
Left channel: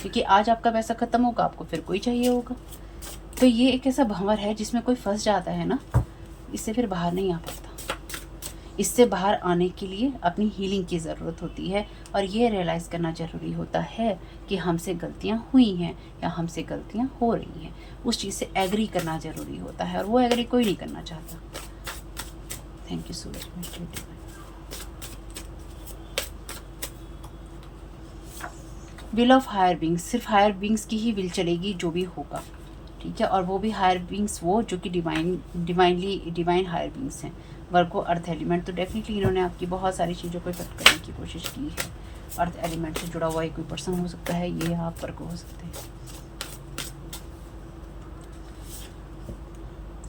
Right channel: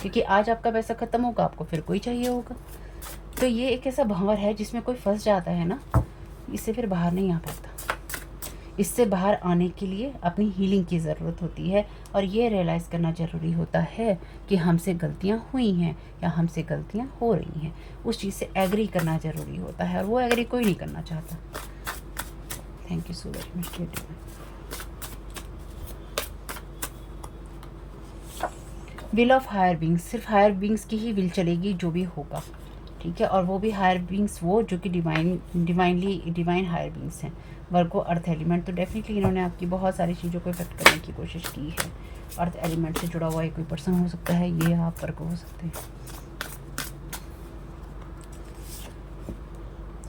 क्योंकि आज आपका पैसा ख़त्म होगा, आपको फिर कोई चाहिए होगा। तो ये एक ऐसा भंवर है जिसमें कोई फंस जाता है ना, इससे फिर बाहर नहीं आ पाता। इससे बाहर आने के लिए अपनी हीलिंग की ज़रूरत होती है और ये रियलाइज़ करना ज़रूरी होता है कि हमसे गलतियाँ हुई हैं या them गलतियाँ हो रही हैं। उस चीज़ से एग्री करना ज़रूरी होता है और वो एग्री कोई नहीं करना चाहता। Thank you so very much. Will of higher beings, सिर्फ हायर बींग्स की ही विल चलेगी जो भी होगा, ठीक है। और वो भी हायर बींग्स वो जो कि डिवाइन हायर बींग्स हैं, वर्गो अर्थ एलिमेंट। तो डेफिनेटली इन्होंने आपकी बहुत सारी चीज़ों को इफेक्ट करने की कोशिश की है। अर्थ एलिमेंट से जुड़ा हुआ एक कोई पर्सन हो सकता है, ये आप वर्गो हो सकते हैं।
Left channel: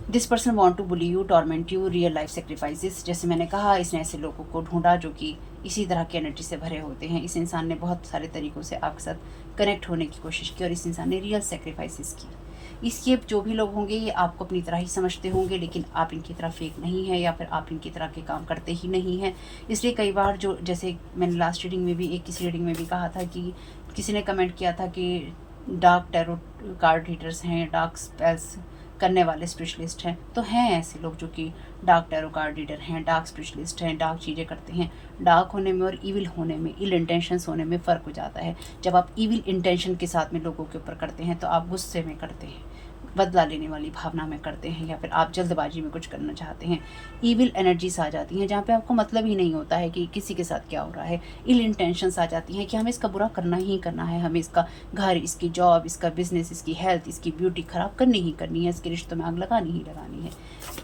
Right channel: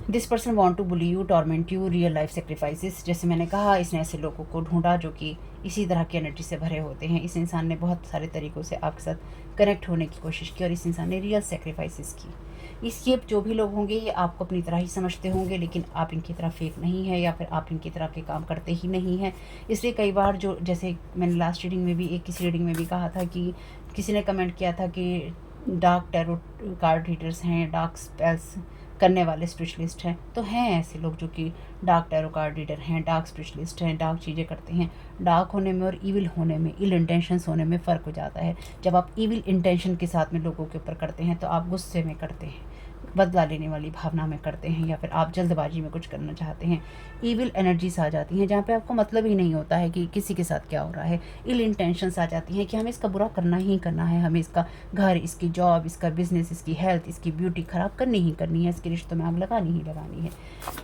This person want to bully you, torment you, real life sacrifices. जैसे मैंने कहा, इसने ऐसे लोगों को ढूंढा जो कि इसी तरह की एनर्जी से भरे होते हैं। इस इंसान ने बहुत सारे तरीक़ों से आपके साथ कनेक्ट होने की कोशिश की और इस इंसान ने रियल सेक्रीफाइसेस की। इसके जो भी लोग होंगे ये आपको अपनी तरह ही समझते होंगे, लेकिन आप इनकी तरह फेक नहीं है या फिर आप इनकी तरह के काम करते ही नहीं हैं। इसलिए कई बार जो, जैसे मैंने लास्ट रीडिंग में भी किसी रीडिंग में भी कहा था कि किसी ने कमेंट किया था कि डार्क टैरो कार्ड रीडर्स हैं, डार्क स्पेल्स करने वाले स्पिरिचुअलिस्ट हैं। तो हैं ऐसे लोग जो कि डार्क टैरो कार्ड रीडर हैं, डार्क स्पिरिचुअलिस्ट हैं, डार्क चीज़ें करते हैं। डार्क होने में और इविल होने में, इल इंटेंशंस होने में फ़र्क हो जाता है। जब आप इविल इंटेंशन के साथ में लोगों के ऊपर करते हैं तो आप गुस्से में करते हैं, बदला लेने वाली भावना में करते हैं, या फिर आप जल्दबाजी में कुछ करना चाहते हैं। ईविल एनर्जीज आ जाती हैं जहाँ पे आपको मतलब ही नहीं होता है कि किसी के साथ क्या हो रहा है। इल इंटेंशंस आ जाती हैं कि हमें इसका बुरा करना ही करना है, हमें इसका घर, इसकी जॉब, इसका बिजनेस, इसकी हेल्थ, इसकी ब्यूटी ख़राब करनी ही करनी है, इसके रिश्तों में आग लगानी ही लगानी है।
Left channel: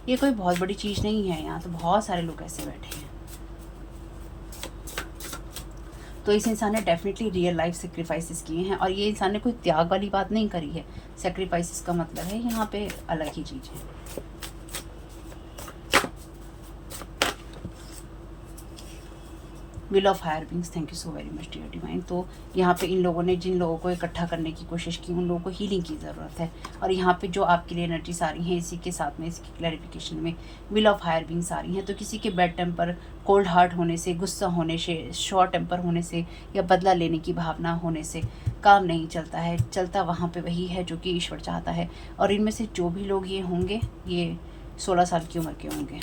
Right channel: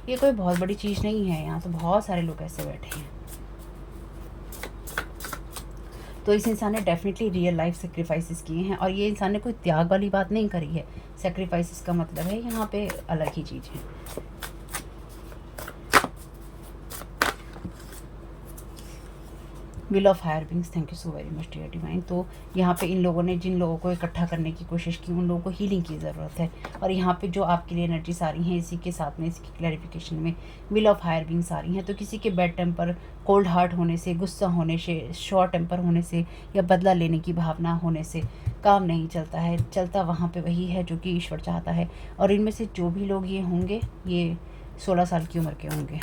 ये कोई बहुत बड़ी चीज़ नहीं है। यहाँ तो बहुत सारे लोग ऐसे बैठे हैं। तो इस इंसान ने डेफिनेटली रियल लाइफ सेक्रीफाइसेस किए हैं और ये इंसान ने कोई त्याग वाली बात नहीं करी है। सेक्रीफाइसेस का मतलब है यहाँ पे अलग ही चीज़ है। Will of higher beings, thank you so very much dear divine. तो यहाँ पे इन लोगों ने जिन लोगों को इकट्ठा करने की कोशिश की उन लोगों को हीलिंग की ज़रूरत है। और यहाँ पे जो आपके लिए एनर्जीज आ रही हैं इसी के साथ में, इसकी क्लैरिफिकेशन में विल ऑफ हायर बीइंग्स आ रही हैं। तो किसी के बैड टेम्पर, कोल्ड हार्ट होने से, गुस्सा होने से, शॉर्ट टेम्पर होने से या बदला लेने की भावना होने से काम नहीं चलता है। चलता वहाँ पे वही है जो कि ईश्वर चाहता है। और इनमें से जो भी लोग ये होंगे ये 16 साल की उम्र के होंगे,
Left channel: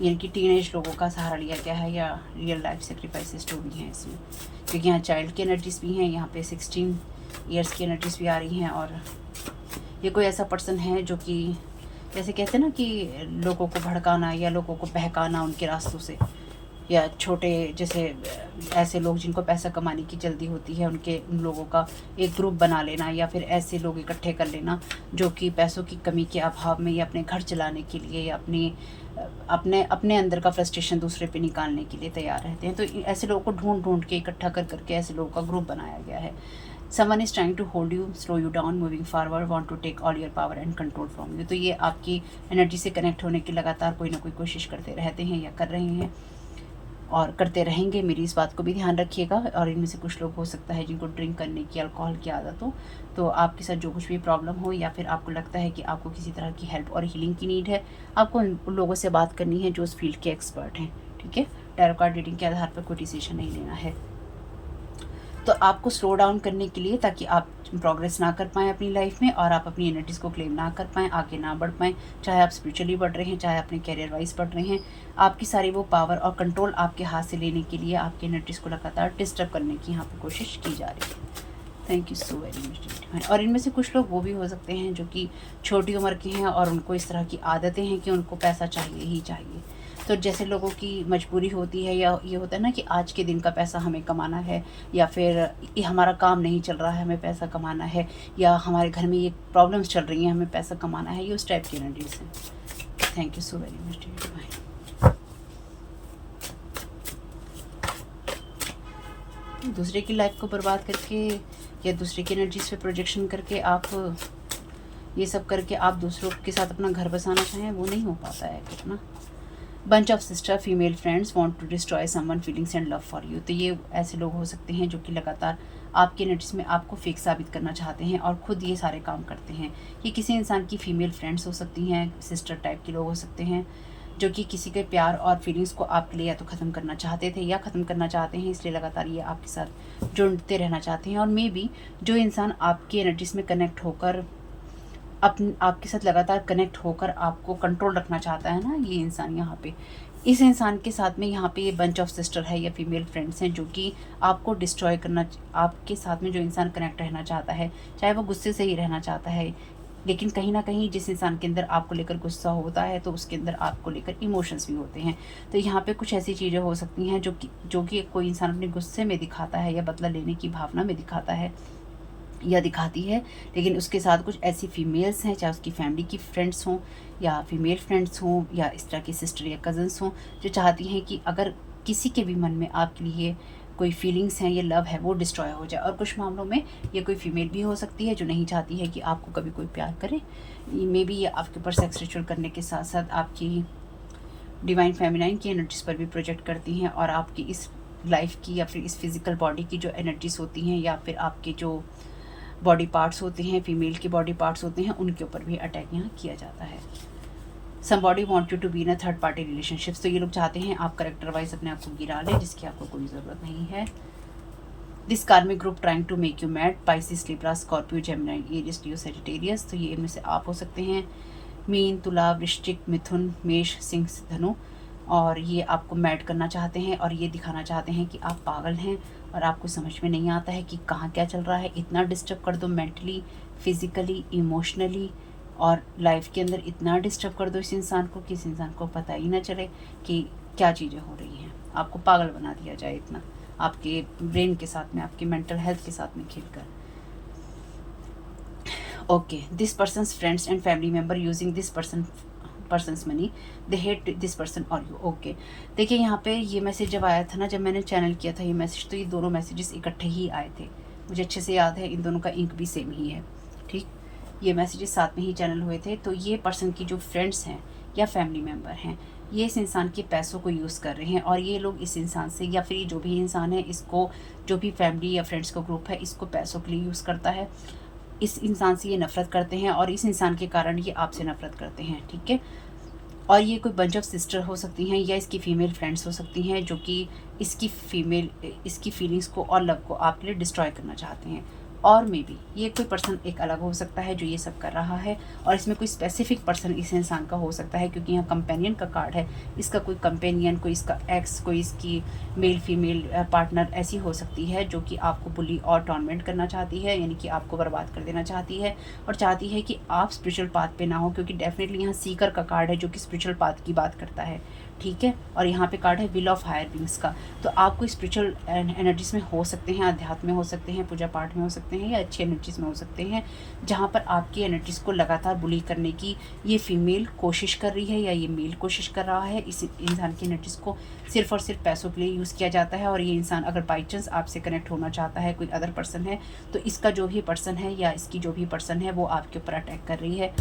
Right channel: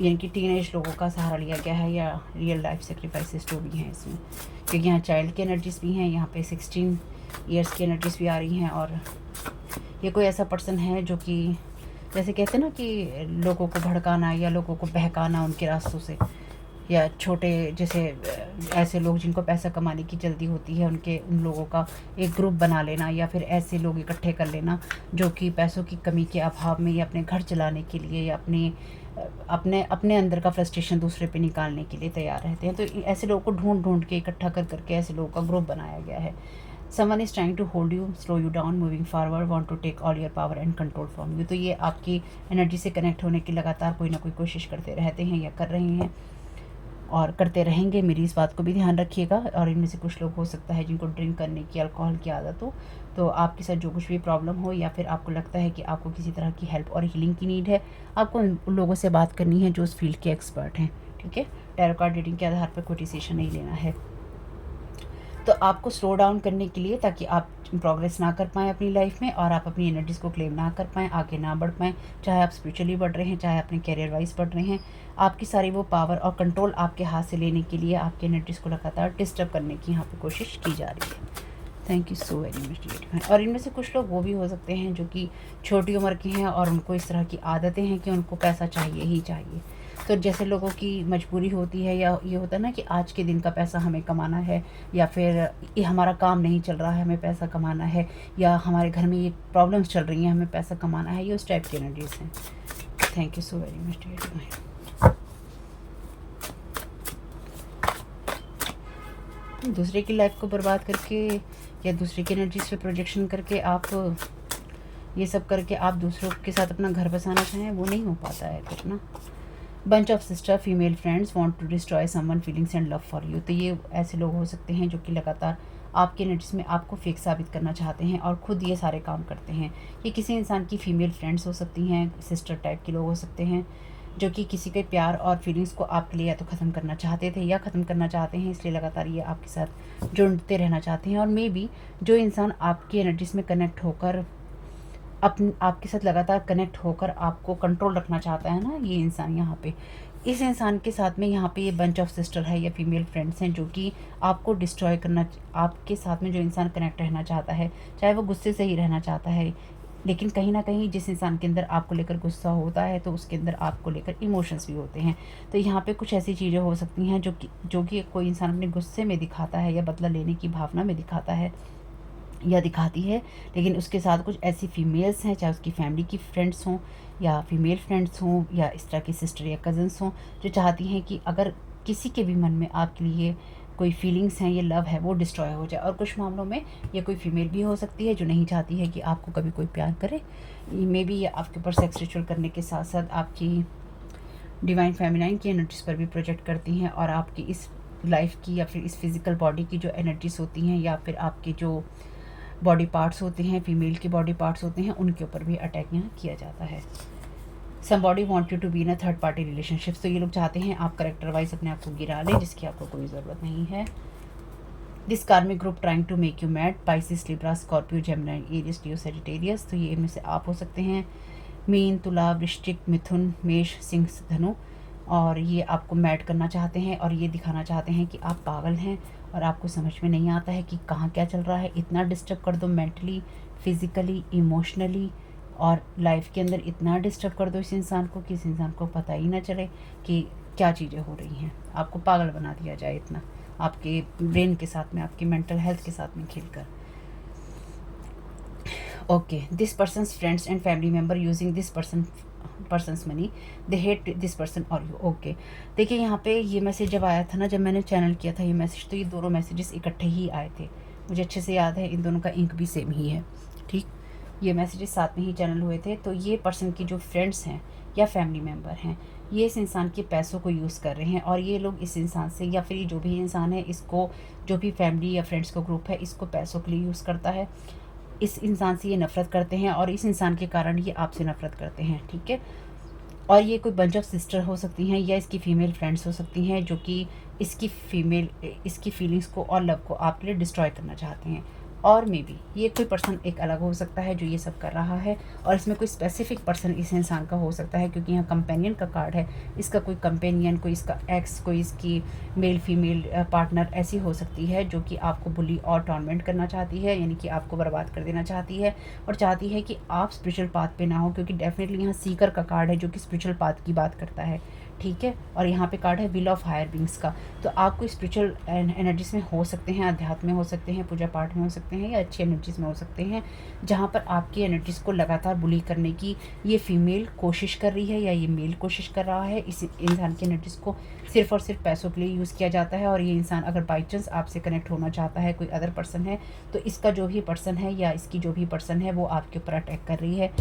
यानी कि टीनेज लोगों का सहारा लिया गया है या रियल लाइफ सेक्रीफाइसेस जो भी हैं इसमें, क्योंकि यहाँ चाइल्ड की एनर्जीज भी हैं, यहाँ पे 16 ईयर्स की एनर्जीज भी आ रही हैं। और ये कोई ऐसा पर्सन है जो कि जैसे कहते हैं ना कि लोगों को भड़काना या लोगों को बहकाना उनके रास्तों से, या छोटे जैसे ऐसे लोग जिनको पैसा कमाने की जल्दी होती है उन लोगों का एक ग्रुप बना लेना, या फिर ऐसे लोग इकट्ठे कर लेना जो कि पैसों की कमी के अभाव में या अपने घर चलाने के लिए या अपने अंदर का फ्रस्ट्रेशन दूसरे पे निकालने के लिए तैयार रहते हैं। तो ऐसे लोगों को ढूंढ ढूंढ के इकट्ठा कर करके ऐसे लोगों का ग्रुप बनाया गया है। Someone is trying to hold you, slow you down, moving forward, want to take all your power and control from you. तो ये आपकी एनर्जी से कनेक्ट होने की लगातार कोई ना कोई कोशिश करते रहते हैं या कर रहे हैं और करते रहेंगे। मेरी इस बात को भी ध्यान रखिएगा। और इनमें से कुछ लोग हो सकता है जिनको ड्रिंक करने की, अल्कोहल की आदत हो। तो आपके साथ जो कुछ भी प्रॉब्लम हो या फिर आपको लगता है कि आपको किसी तरह की हेल्प और हीलिंग की नीड है, आपको उन लोगों से बात करनी है जो उस फील्ड के एक्सपर्ट हैं, ठीक है। टैरो कार्ड रीडिंग के आधार पर कोई डिसीजन नहीं लेना है। तो आपको स्लो डाउन करने के लिए, ताकि आप प्रोग्रेस ना कर पाएँ अपनी लाइफ में और आप अपनी एनर्जीज़ को क्लेम ना कर पाएँ, आगे ना बढ़ पाएँ, चाहे आप स्पिरिचुअली बढ़ रहे हैं, चाहे अपने कैरियर वाइज बढ़ रहे हैं। आपकी सारी वो पावर और कंट्रोल आपके हाथ से लेने के लिए आपके एनर्जीज़ को लगातार डिस्टर्ब करने की यहाँ पर कोशिश की जा रही है। Thank you so very much. और इनमें से कुछ लोग वो भी हो सकते हैं जो कि छोटी उम्र के हैं और उनको इस तरह की आदतें हैं कि उनको पैसा चाहिए ही चाहिए। तो जैसे लोगों की मजबूरी होती है या ये होता है ना कि आज के दिन का पैसा हमें कमाना है, या फिर ये हमारा काम नहीं चल रहा है हमें पैसा कमाना है, या हमारे घर में ये प्रॉब्लम्स चल रही हैं हमें पैसा कमाना है, ये उस टाइप की एनर्जीज हैं। Thank you so very much dear divine. दूसरे की लाइफ को बर्बाद करके या दूसरे की एनर्जीज पे प्रोजेक्शन करके आप ये सब करके आप दूसरों के साथ अपना घर बसाना चाहें, वो नहीं हो पाता है कुछ ना। Bunch of sister female friends want to destroy someone feelings and love for you. तो ये ऐसे लोग हो सकते हैं जो कि लगातार आपकी एनर्जीज में आपको फेक साबित करना चाहते हैं और खुद ये सारे काम करते हैं। ये किसी इंसान की फीमेल फ्रेंड्स हो सकती हैं, सिस्टर टाइप के लोग हो सकते हैं जो कि किसी के प्यार और फीलिंग्स को आपके लिए या तो ख़त्म करना चाहते थे या ख़त्म करना चाहते हैं, इसलिए लगातार ये आपके साथ जुड़ते रहना चाहते हैं। और मे बी जो इंसान आपकी एनर्जीज में कनेक्ट होकर आपके साथ लगातार कनेक्ट होकर आपको कंट्रोल रखना चाहता है ना, ये इंसान यहाँ पे, इस इंसान के साथ में यहाँ पे ये बंच ऑफ सिस्टर है या फीमेल फ्रेंड्स हैं जो कि आपको डिस्ट्रॉय करना, आपके साथ में जो इंसान कनेक्ट रहना चाहता है, चाहे वो गुस्से से ही रहना चाहता है, लेकिन कहीं ना कहीं जिस इंसान के अंदर आपको लेकर गुस्सा होता है तो उसके अंदर आपको लेकर इमोशंस भी होते हैं। तो यहाँ पे कुछ ऐसी चीज़ें हो सकती हैं जो कि कोई इंसान अपने गुस्से में दिखाता है या बदला लेने की भावना में दिखाता है या दिखाती है, लेकिन उसके साथ कुछ ऐसी फीमेल्स हैं, चाहे उसकी फैमिली की फ्रेंड्स हों या फीमेल फ्रेंड्स हों या इस तरह की सिस्टर या कज़न्स हों, जो चाहती हैं कि अगर किसी के भी मन में आपके लिए कोई फीलिंग्स हैं, ये लव है, वो डिस्ट्रॉय हो जाए। और कुछ मामलों में ये कोई फीमेल भी हो सकती है जो नहीं चाहती है कि आपको कभी कोई प्यार करे। मे बी ये आपके ऊपर सेक्स रिचुअल करने के साथ साथ आपकी डिवाइन फेमिनाइन की एनर्जीज पर भी प्रोजेक्ट करती हैं और आपकी इस लाइफ की या फिर इस फिज़िकल बॉडी की जो एनर्जीज होती हैं या फिर आपके जो बॉडी पार्ट्स होते हैं, फीमेल के बॉडी पार्ट्स होते हैं, उनके ऊपर भी अटैक यहाँ किया जाता है। Somebody want you to be in a third party relationships. तो ये लोग चाहते हैं आप करेक्टर वाइज अपने आप को गिरा लें, जिसकी आपको कोई ज़रूरत नहीं है। This karmic group trying to make you mad, Pisces, Libra, Scorpio, Gemini, Aries, Leo, Sagittarius. तो ये इनमें से आप हो सकते हैं। मीन, तुला, वृश्चिक, मिथुन, मेष, सिंह, धनु। और ये आपको मैड करना चाहते हैं और ये दिखाना चाहते हैं कि आप पागल हैं और आपको समझ में नहीं आता है कि कहाँ क्या चल रहा है। इतना डिस्टर्ब कर दो मेंटली, फिज़िकली, इमोशनली, और लाइफ के अंदर इतना डिस्टर्ब कर दो इस इंसान को कि इस इंसान को पता ही ना चले कि क्या चीज़ें हो रही हैं। आपको पागल बना दिया जाए इतना, आपके ब्रेन के साथ में, आपकी मेंटल हेल्थ के साथ में खेलकर। Okay, this persons friends and family member using this persons money, they hate this person और यू। ओके, देखिए यहाँ पे ये मैसेज जब आया था ना, जब मैंने चैनल किया था ये मैसेज, तो ये दोनों मैसेजेस इकट्ठे ही आए थे। मुझे अच्छे से याद है, इन दोनों का इंक भी सेम ही है, ठीक। ये मैसेजेस साथ में ही चैनल हुए थे। तो ये पर्सन की जो फ्रेंड्स हैं या फैमिली मेम्बर हैं, ये इस इंसान के पैसों को यूज़ कर रहे हैं और ये लोग इस इंसान से या फिर ये जो भी इंसान है इसको, जो भी फैमिली या फ्रेंड्स का ग्रुप है, इसको पैसों के लिए यूज़ करता है। इस इंसान से ये नफ़रत करते हैं और इस इंसान के कारण ये आपसे नफ़रत करते हैं, ठीक है। और ये कोई बंच ऑफ सिस्टर हो सकती हैं या इसकी फ़ीमेल फ्रेंड्स हो सकती हैं जो कि इसकी फीलिंग्स को और लव को आपके लिए डिस्ट्रॉय करना चाहती हैं। और मे बी ये कोई पर्सन एक अलग हो सकता है जो ये सब कर रहा है, और इसमें कोई स्पेसिफिक पर्सन इस इंसान का हो सकता है क्योंकि यहाँ कंपेनियन का कार्ड है। इसका कोई कंपेनियन, कोई इसका एक्स, कोई इसकी मेल फीमेल पार्टनर ऐसी हो सकती है जो कि आपको बुली और टॉर्मेंट करना चाहती है, यानी कि आपको बर्बाद कर देना चाहती है और चाहती है कि आप स्पिरिचुअल पाथ पे ना हो, क्योंकि डेफिनेटली यहाँ सीकर का कार्ड है जो कि स्पिरिचुअल पाथ की बात करता है, ठीक है। और यहाँ पे कार्ड है व्हील ऑफ हायर बींग्स का। तो आप कोई स्पिरिचुअल एनर्जीज में हो सकते हैं, अध्यात्म में हो सकते हैं, पूजा पाठ में हो सकते हैं या अच्छी एनर्जीज में हो सकते हैं, जहाँ पर आपकी एनर्जीज को लगातार बुली करने की ये फीमेल कोशिश कर रही है या ये मेल कोशिश कर रहा है। इस इंसान की एनर्जीज को सिर्फ और सिर्फ पैसों के लिए यूज़ किया जाता है। और ये इंसान अगर बाई चांस आपसे कनेक्ट होना चाहता है, कोई अदर पर्सन है, तो इसका जो भी पर्सन है या इसकी जो भी पर्सन है वो आपके ऊपर अटैक कर रही है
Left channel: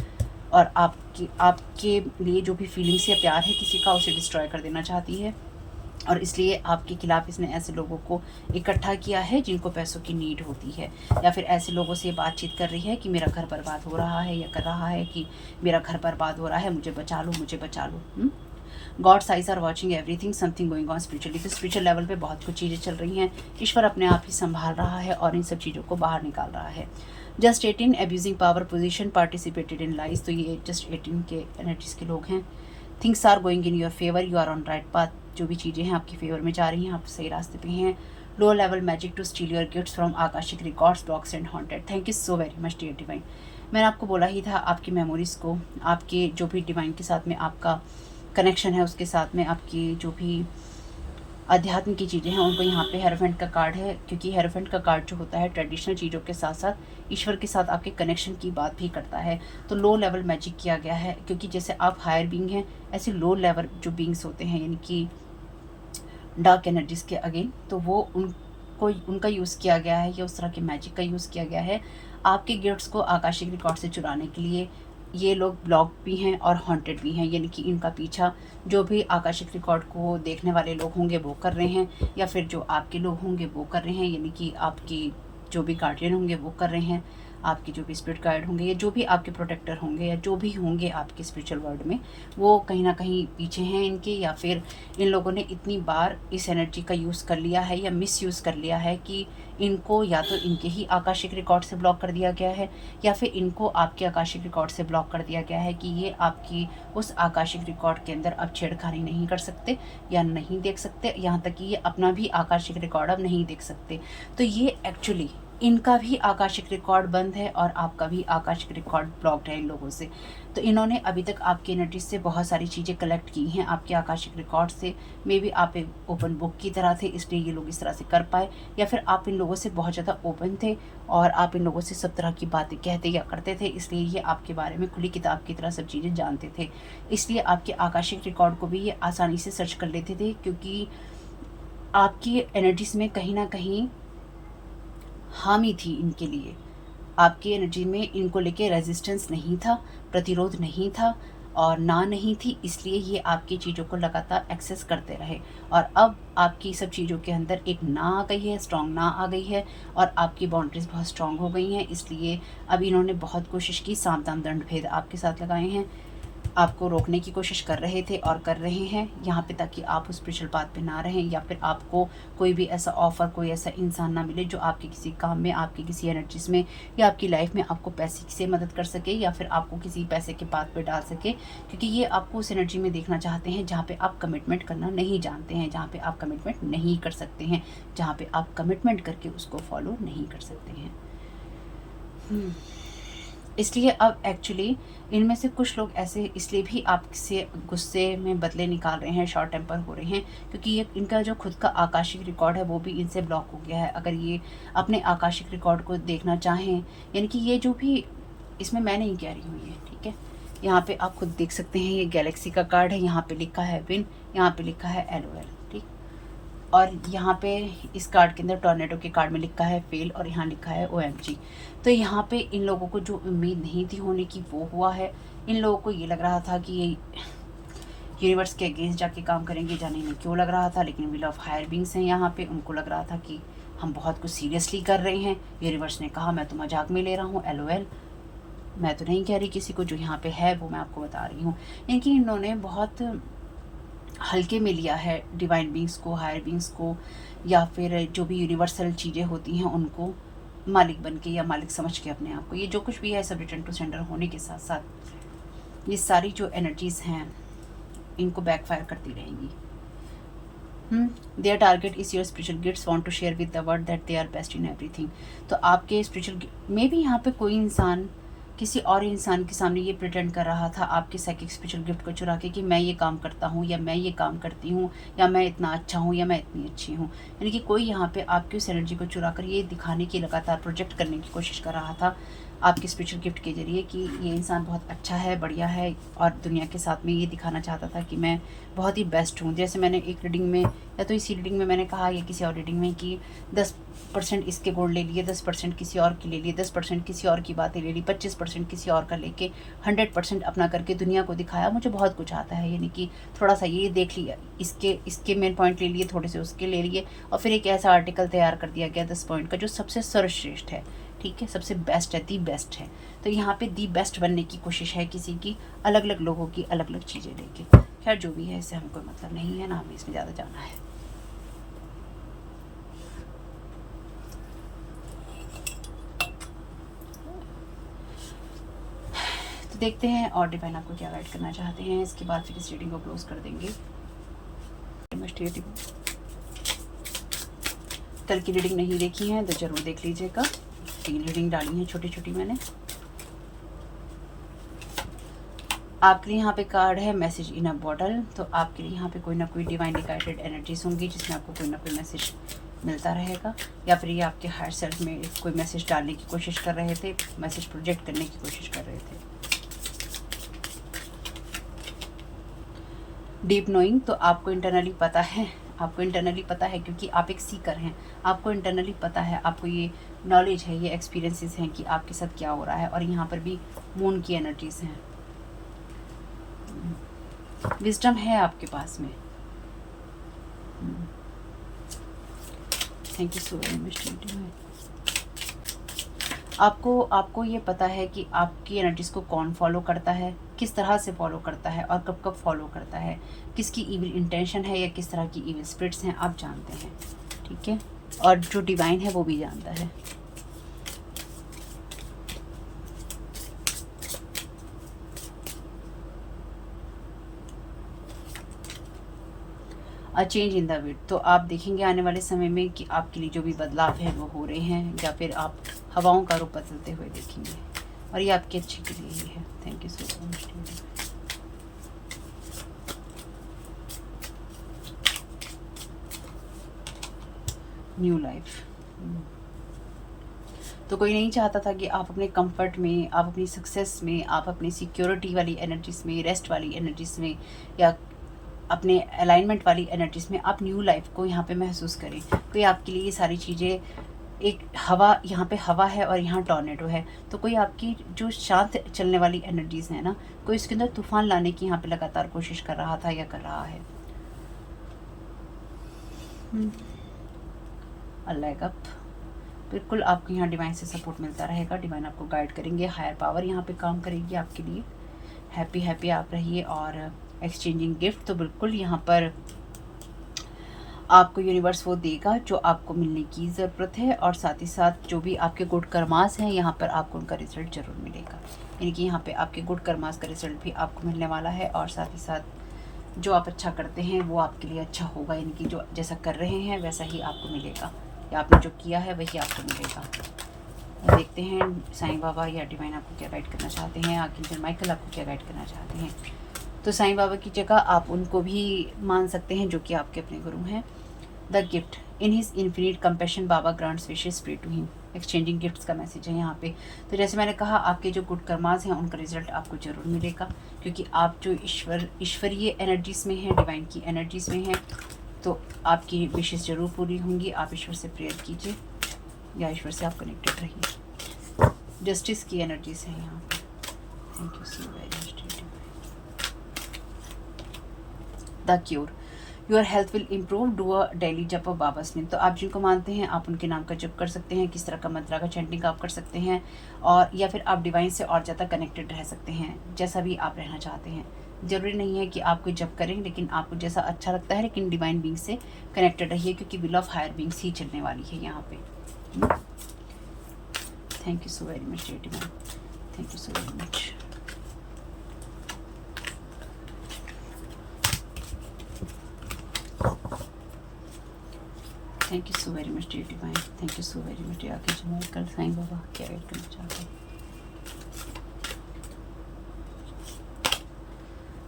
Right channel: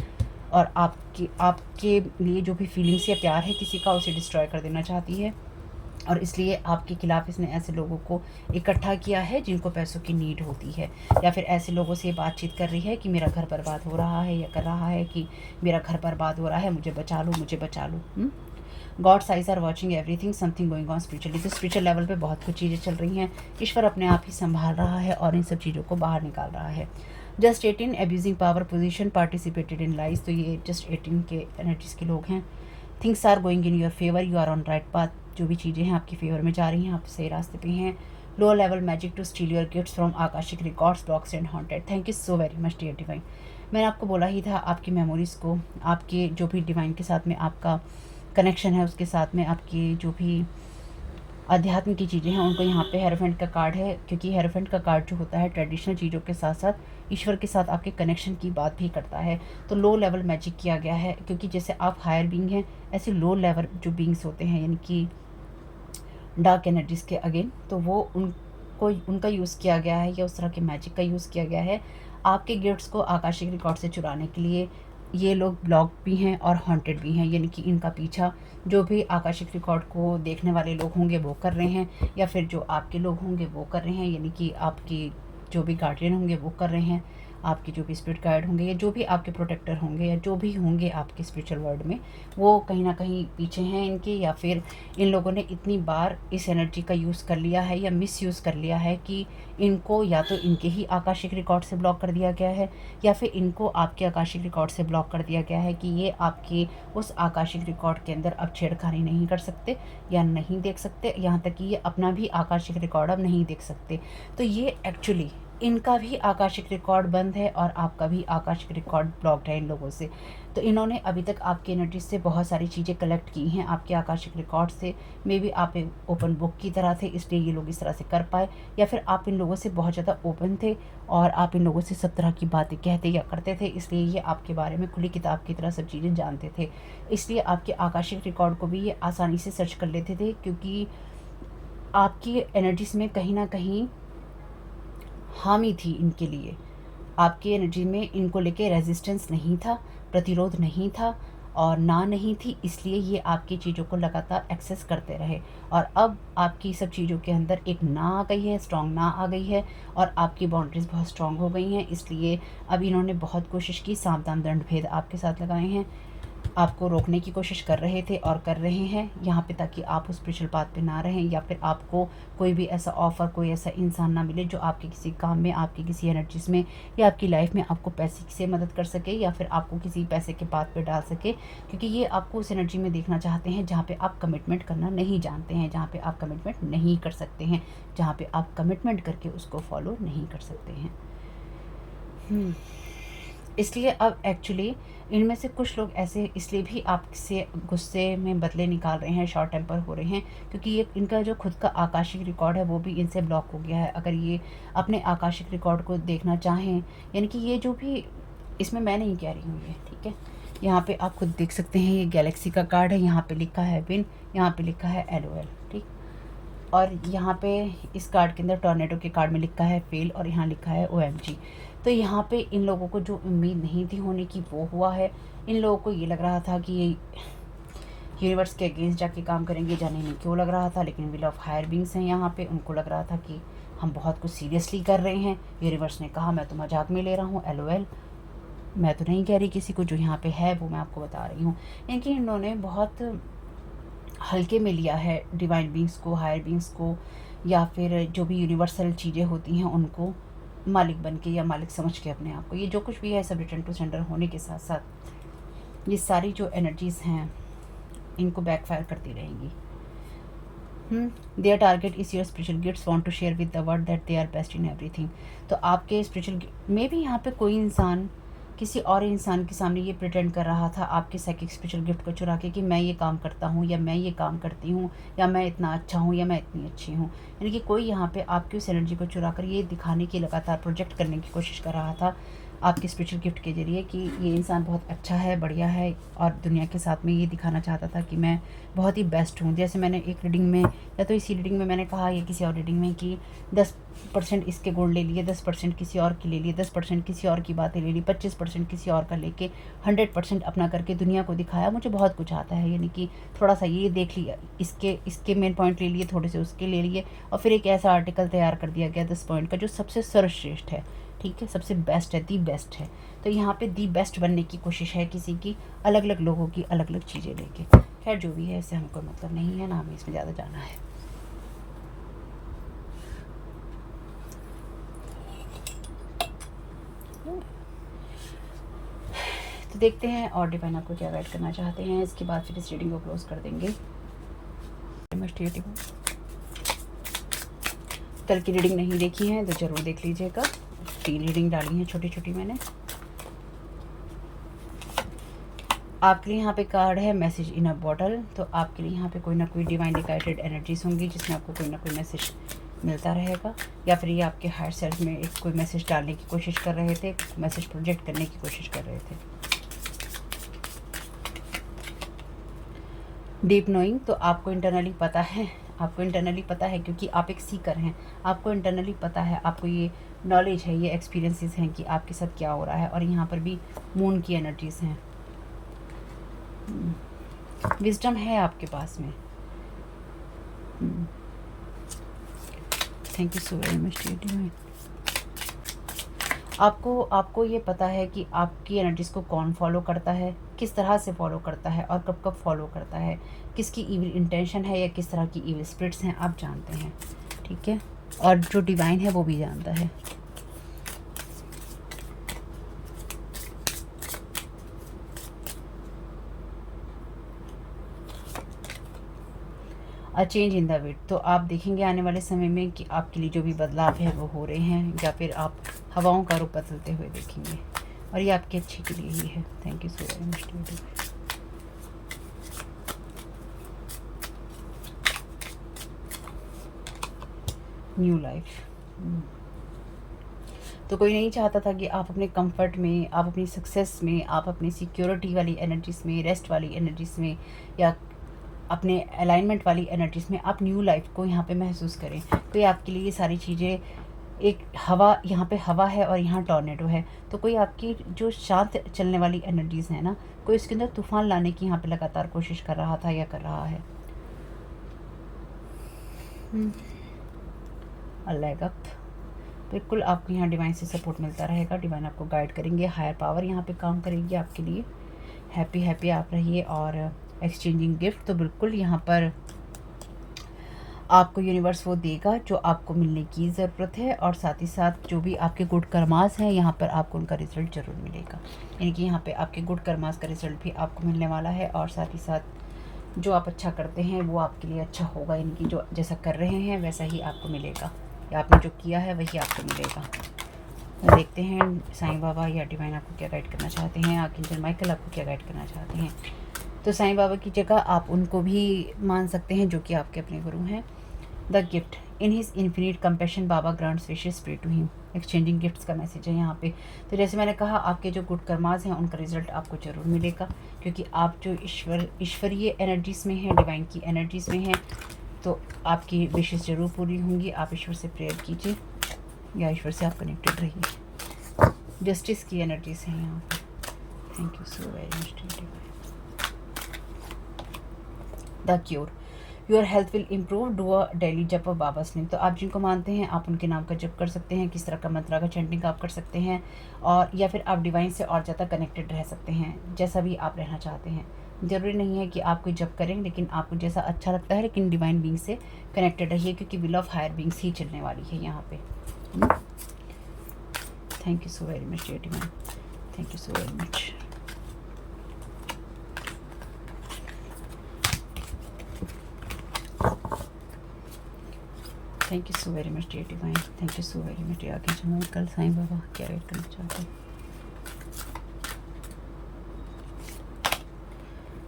और आपके लिए जो भी फीलिंग्स या प्यार है किसी का, उसे डिस्ट्रॉय कर देना चाहती है। और इसलिए आपके खिलाफ इसने ऐसे लोगों को इकट्ठा किया है जिनको पैसों की नीड होती है, या फिर ऐसे लोगों से बातचीत कर रही है कि मेरा घर बर्बाद हो रहा है, या कर रहा है कि मेरा घर बर्बाद हो रहा है, मुझे बचा लो, मुझे बचा लो। God's eyes are watching everything, something going on spiritually. तो स्पिरिचुअल लेवल पे बहुत कुछ चीज़ें चल रही हैं। ईश्वर अपने आप ही संभाल रहा है और इन सब चीज़ों को बाहर निकाल रहा है। Just 18 abusing power position, participated in lies. तो ये जस्ट 18 के एनर्जीज के लोग हैं। Things are going in your favour, you are on right path. जो भी चीज़ें हैं आपकी फेवर में जा रही हैं, आप सही रास्ते पे हैं। Low level magic to steal your gifts from Akashic records, blocks and haunted. Thank you so very much dear divine. मैंने आपको बोला ही था, आपकी मेमोरीज़ को, आपके जो भी डिवाइन के साथ में आपका कनेक्शन है, उसके साथ में आपकी जो भी अध्यात्म की चीज़ें हैं उनको यहाँ पे हेरोफेंट का कार्ड है, क्योंकि हेरोफेंट का कार्ड जो होता है ट्रेडिशनल चीज़ों के साथ साथ ईश्वर के साथ आपके कनेक्शन की बात भी करता है। तो लो लेवल मैजिक किया गया है, क्योंकि जैसे आप हायर बीइंग हैं, ऐसे लो लेवल जो बीइंग्स होते हैं, यानी कि डार्क एनर्जीज़ के अगेन, तो वो उनका यूज़ किया गया है या उस तरह के मैजिक का यूज़ किया गया है आपके गिफ्ट्स को आकाशिक रिकॉर्ड से चुराने के लिए। ये लोग ब्लॉक भी हैं और हॉन्टेड भी हैं, यानी कि इनका पीछा जो भी आकाशिक रिकॉर्ड को देखने वाले लोग होंगे वो कर रहे हैं, या फिर जो आपके लोग होंगे वो कर रहे हैं, यानी कि आपके जो भी गार्डियन होंगे वो कर रहे हैं, आपके जो भी स्पिरिट गाइड होंगे या जो भी आपके प्रोटेक्टर होंगे या जो भी होंगे आपके स्पिरिचुअल वर्ल्ड में, वो कहीं ना कहीं पीछे हैं इनके, या फिर इन लोगों ने इतनी बार इस एनर्जी का यूज़ कर लिया है या मिस यूज़ कर लिया है कि इनको या तो इनके ही आकाशिक रिकॉर्ड से ब्लॉक कर दिया गया है, या फिर इनको आपके आकाशिक रिकॉर्ड से ब्लॉक कर दिया गया है कि ये आपके उस आकाशिक रिकॉर्ड के अंदर अब छेड़खानी नहीं कर सकते या नहीं देख सकते, यहाँ तक कि ये अपना भी आकाशिक रिकॉर्ड अब नहीं देख सकते। तो ये एक्चुअली इनका भी आकाशिक रिकॉर्ड बंद है और आपका भी आकाशिक रिकॉर्ड ब्लॉक्ड है इन लोगों से। तो इन्होंने अभी तक आपकी एनर्जी से बहुत सारी चीज़ें कलेक्ट की हैं आपके आकाशिक रिकॉर्ड से। मे बी आप एक ओपन बुक की तरह थे, इसलिए ये लोग इस तरह से कर पाए, या फिर आप इन लोगों से बहुत ज़्यादा ओपन थे और आप इन लोगों से सब तरह की बातें कहते या करते थे, इसलिए ये आपके बारे में खुली किताब की तरह सब चीज़ें जानते थे। इसलिए आपके आकाशिक रिकॉर्ड को भी ये आसानी से सर्च कर लेते थे, क्योंकि आपकी एनर्जीज में कहीं ना कहीं हामी थी इनके लिए। आपकी एनर्जी में इनको लेके रेजिस्टेंस नहीं था, प्रतिरोध नहीं था और ना नहीं थी, इसलिए ये आपकी चीज़ों को लगातार एक्सेस करते रहे। और अब आपकी सब चीज़ों के अंदर एक ना आ गई है, स्ट्रॉन्ग ना आ गई है, और आपकी बाउंड्रीज बहुत स्ट्रॉन्ग हो गई हैं। इसलिए अब इन्होंने बहुत कोशिश की, सावधान दंड भेद आपके साथ लगाए हैं, आपको रोकने की कोशिश कर रहे थे और कर रहे हैं यहाँ पे, ताकि आप उस स्पिरिचुअल पाथ पे ना रहें, या फिर आपको कोई भी ऐसा ऑफ़र, कोई ऐसा इंसान ना मिले जो आपके किसी काम में, आपकी किसी एनर्जीज में या आपकी लाइफ में आपको पैसे से मदद कर सके, या फिर आपको किसी पैसे के पाथ पे डाल सके, क्योंकि ये आपको उस एनर्जी में देखना चाहते हैं जहाँ पे आप कमिटमेंट करना नहीं जानते हैं, जहाँ पे आप कमिटमेंट नहीं कर सकते हैं, जहाँ पे आप कमिटमेंट करके उसको फॉलो नहीं कर सकते हैं। इसलिए अब एक्चुअली इनमें से कुछ लोग ऐसे इसलिए भी आपसे गुस्से में बदले निकाल रहे हैं, शॉर्ट टेम्पर हो रहे हैं, क्योंकि ये इनका जो खुद का आकाशिक रिकॉर्ड है वो भी इनसे ब्लॉक हो गया है। अगर ये अपने आकाशिक रिकॉर्ड को देखना चाहें, यानी कि ये जो भी, इसमें मैं नहीं कह रही हूँ ये, ठीक है, यहाँ पे आप खुद देख सकते हैं, ये गैलेक्सी का कार्ड है, यहाँ पे लिखा है विन, यहाँ पे लिखा है LOL, ठीक, और यहाँ पे इस कार्ड के अंदर टॉर्नेडो के कार्ड में लिखा है फेल, और यहाँ लिखा है OMG। तो यहाँ पे इन लोगों को जो उम्मीद नहीं थी होने की वो हुआ है। इन लोगों को ये लग रहा था कि यूनिवर्स के अगेंस्ट जाके काम करेंगे, जाने में क्यों लग रहा था, लेकिन व्हील ऑफ हायर बीइंग्स हैं यहाँ पे, उनको लग रहा था कि हम बहुत कुछ सीरियसली कर रहे हैं। यूनिवर्स ने कहा मैं तो मजाक में ले रहा हूँ, LOL, मैं तो नहीं कह रही किसी को, जो यहाँ पे है वो मैं आपको बता रही हूँ। इनकी इन्होंने बहुत हल्के में लिया है डिवाइन बींग्स को, हायर बींग्स को, या फिर जो भी यूनिवर्सल चीज़ें होती हैं उनको मालिक बन के या मालिक समझ के अपने आप को। ये जो कुछ भी है सब रिटर्न टू सेंडर होने के साथ साथ ये सारी जो एनर्जीज़ हैं इनको बैकफायर करती रहेंगी। Their target is your spiritual gifts want to share with the world that they are best in everything. तो आपके स्पिरिचुअल में भी यहाँ पे कोई इंसान किसी और इंसान के सामने ये प्रिटेंड कर रहा था आपके साइकिक स्पिरिचुअल गिफ्ट को चुरा के कि मैं ये काम करता हूँ, या मैं ये काम करती हूँ, या मैं इतना अच्छा हूँ, या मैं इतनी अच्छी हूँ। यानी कि कोई यहाँ पे आपकी उस एनर्जी को चुरा कर ये दिखाने की, लगातार प्रोजेक्ट करने की कोशिश कर रहा था आपके स्पिरिचुअल गिफ्ट के जरिए कि ये इंसान बहुत अच्छा है, बढ़िया है, और दुनिया के साथ में ये दिखाना चाहता था कि मैं बहुत ही बेस्ट हूँ। जैसे मैंने एक रीडिंग में, या तो इसी रीडिंग में मैंने कहा या किसी और रीडिंग में, कि 10% इसके गुण ले लिए, 10% किसी और की ले लिए, 10% किसी और की बातें ले ली, 25% किसी और का लेके 100% अपना करके दुनिया को दिखाया मुझे बहुत कुछ आता है। यानी कि थोड़ा सा ये देख लिया, इसके मेन पॉइंट ले लिए, थोड़े से उसके ले लिए, और फिर एक ऐसा आर्टिकल तैयार कर दिया गया 10 पॉइंट का जो सबसे सर्वश्रेष्ठ है, ठीक है, सबसे बेस्ट है, दी बेस्ट है। तो यहाँ पे दी बेस्ट बनने की कोशिश है किसी की, अलग अलग लोगों की अलग अलग चीज़ें लेके। खैर जो भी है, इससे हमको मतलब नहीं है, ना हमें इसमें ज़्यादा जाना है। तो देखते हैं और डिवाइन आपको क्या गाइड करना चाहते हैं। इसके बाद फिर इस रीडिंग को क्लोज कर देंगे। कल की रीडिंग नहीं देखी है तो ज़रूर देख लीजिएगा। 3 रीडिंग डाली हैं छोटी छोटी मैंने। आपके लिए यहाँ पे कार्ड है मैसेज इन अ बॉटल। तो आपके लिए यहाँ पे कोई ना कोई डिवाइनली गाइडेड एनर्जीज होंगी जिसमें आपको कोई ना कोई मैसेज मिलता रहेगा, या फिर ये आपके हायर सेल्फ में एक कोई मैसेज डालने की कोशिश कर रहे थे, मैसेज प्रोजेक्ट करने की कोशिश कर रहे थे। डीप नोइंग, तो आपको इंटरनली पता है, आपको इंटरनली पता है क्योंकि आप एक सीकर हैं, आपको इंटरनली पता है, आपको ये नॉलेज है, ये एक्सपीरियंसेस हैं कि आपके साथ क्या हो रहा है। और यहाँ पर भी मून की एनर्जीज हैं, विजडम है आपके पास में। Thank you so very much. आपको ये पता है कि आपकी एनर्जीज को कौन फॉलो करता है, किस तरह से फॉलो करता है, और कब कब फॉलो करता है, किसकी इविल इंटेंशन है या किस तरह की इविल स्पिरिट्स हैं, आप जानते हैं, ठीक है। और जो डिवाइन है वो भी जानता है। A change in the wheat, तो आप देखेंगे आने वाले समय में कि आपके लिए जो भी बदलाव है वो हो रहे हैं, या फिर आप हवाओं का रूप बदलते हुए देखेंगे, और ये आपके अच्छे के लिए ही है। Thank you so very much. New life, तो कोई नहीं चाहता था कि आप अपने कंफर्ट में, आप अपनी सक्सेस में, आप अपनी सिक्योरिटी वाली एनर्जीज में, रेस्ट वाली एनर्जीज में, या अपने अलाइनमेंट वाली एनर्जीज में आप न्यू लाइफ को यहाँ पे महसूस करें। कोई आपके लिए ये सारी चीज़ें, एक हवा, यहाँ पे हवा है और यहाँ टॉर्नेडो है, तो कोई आपकी जो शांत चलने वाली एनर्जीज है ना, कोई इसके अंदर तूफान लाने की यहाँ पे लगातार कोशिश कर रहा था या कर रहा है। लेग अप, बिल्कुल आपको यहाँ डिवाइन से सपोर्ट मिलता रहेगा, डिवाइन आपको गाइड करेंगे, हायर पावर यहाँ पे काम करेगी आपके लिए। हैप्पी हैप्पी आप रहिए। और एक्सचेंजिंग गिफ्ट, तो बिल्कुल यहाँ पर आपको यूनिवर्स वो देगा जो आपको मिलने की ज़रूरत है, और साथ ही साथ जो भी आपके गुड कर्मास हैं यहाँ पर आपको उनका रिजल्ट ज़रूर मिलेगा। यानी कि यहाँ पे आपके गुड कर्मास का रिजल्ट भी आपको मिलने वाला है, और साथ ही साथ जो आप अच्छा करते हैं वो आपके लिए अच्छा होगा। यानी कि जो जैसा कर रहे हैं वैसा ही आपको मिलेगा, या आपने जो किया है वही आपको मिलेगा। देखते हैं साईं बाबा या डिवाइन आपको क्या गाइड करना चाहते हैं, आर्कएंजल माइकल आपको क्या गाइड करना चाहते हैं। तो साईं बाबा की जगह आप उनको भी मान सकते हैं जो कि आपके अपने गुरु हैं। The gift, in his infinite compassion Baba grants wishes pray to him. Exchanging gifts का मैसेज है यहाँ पे। तो जैसे मैंने कहा, आपके जो गुड कर्मास हैं उनका रिजल्ट आपको जरूर मिलेगा, क्योंकि आप जो ईश्वरीय एनर्जीज में हैं, डिवाइन की एनर्जीज में हैं, तो आपकी विशेष ज़रूर पूरी होंगी। आप ईश्वर से प्रेयर कीजिए या ईश्वर से आप कनेक्टेड रहिए। जस्टिस की एनर्जीज हैं यहाँ पे। Thank you so very much. The cure, your health will improve, do a daily जप ऑफ बाबास नेम। तो आप जिनको मानते हैं आप उनके नाम का जप कर सकते हैं, किस तरह का मंत्रा का चैंटिंग आप कर सकते हैं, और या फिर आप डिवाइन से और ज़्यादा कनेक्टेड रह सकते हैं, जैसा भी आप रहना चाहते हैं। ज़रूरी नहीं है कि आप कोई जप करें, लेकिन आपको जैसा अच्छा लगता है, लेकिन डिवाइन बींग से कनेक्टेड रहिए, क्योंकि विल ऑफ हायर बींग्स ही चलने वाली है यहाँ पे। Thank you so very much divine, thank you so very much. Thank you so very much dear divine, thank you so very much. आगे जो मैं कल साईं बाबा क्या गाइड करना चाहते हैं।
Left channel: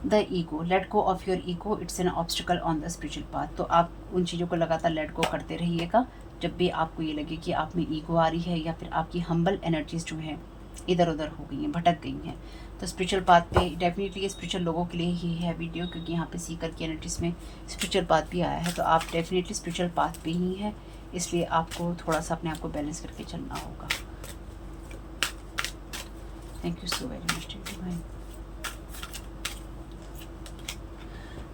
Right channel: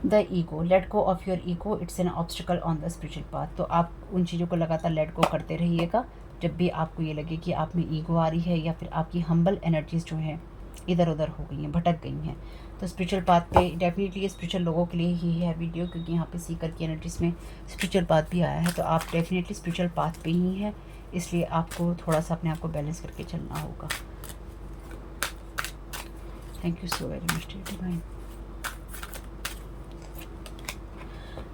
The ego, let go of your ego, it's an obstacle on the spiritual path. तो आप उन चीज़ों को लगातार लेट गो करते रहिएगा जब भी आपको ये लगे कि आप में ईगो आ रही है, या फिर आपकी हम्बल एनर्जीज जो हैं इधर उधर हो गई हैं, भटक गई हैं। तो स्पिरिचुअल पाथ पे डेफिनेटली स्पिरिचुअल लोगों के लिए ही है वीडियो, क्योंकि यहाँ पे सीकर की एनर्जीज में स्पिरिचुअल पाथ भी आया है। तो आप डेफिनेटली स्पिरिचुअल पाथ पे ही है, इसलिए आपको थोड़ा सा अपने आप को बैलेंस करके चलना होगा। Thank you so very much divine.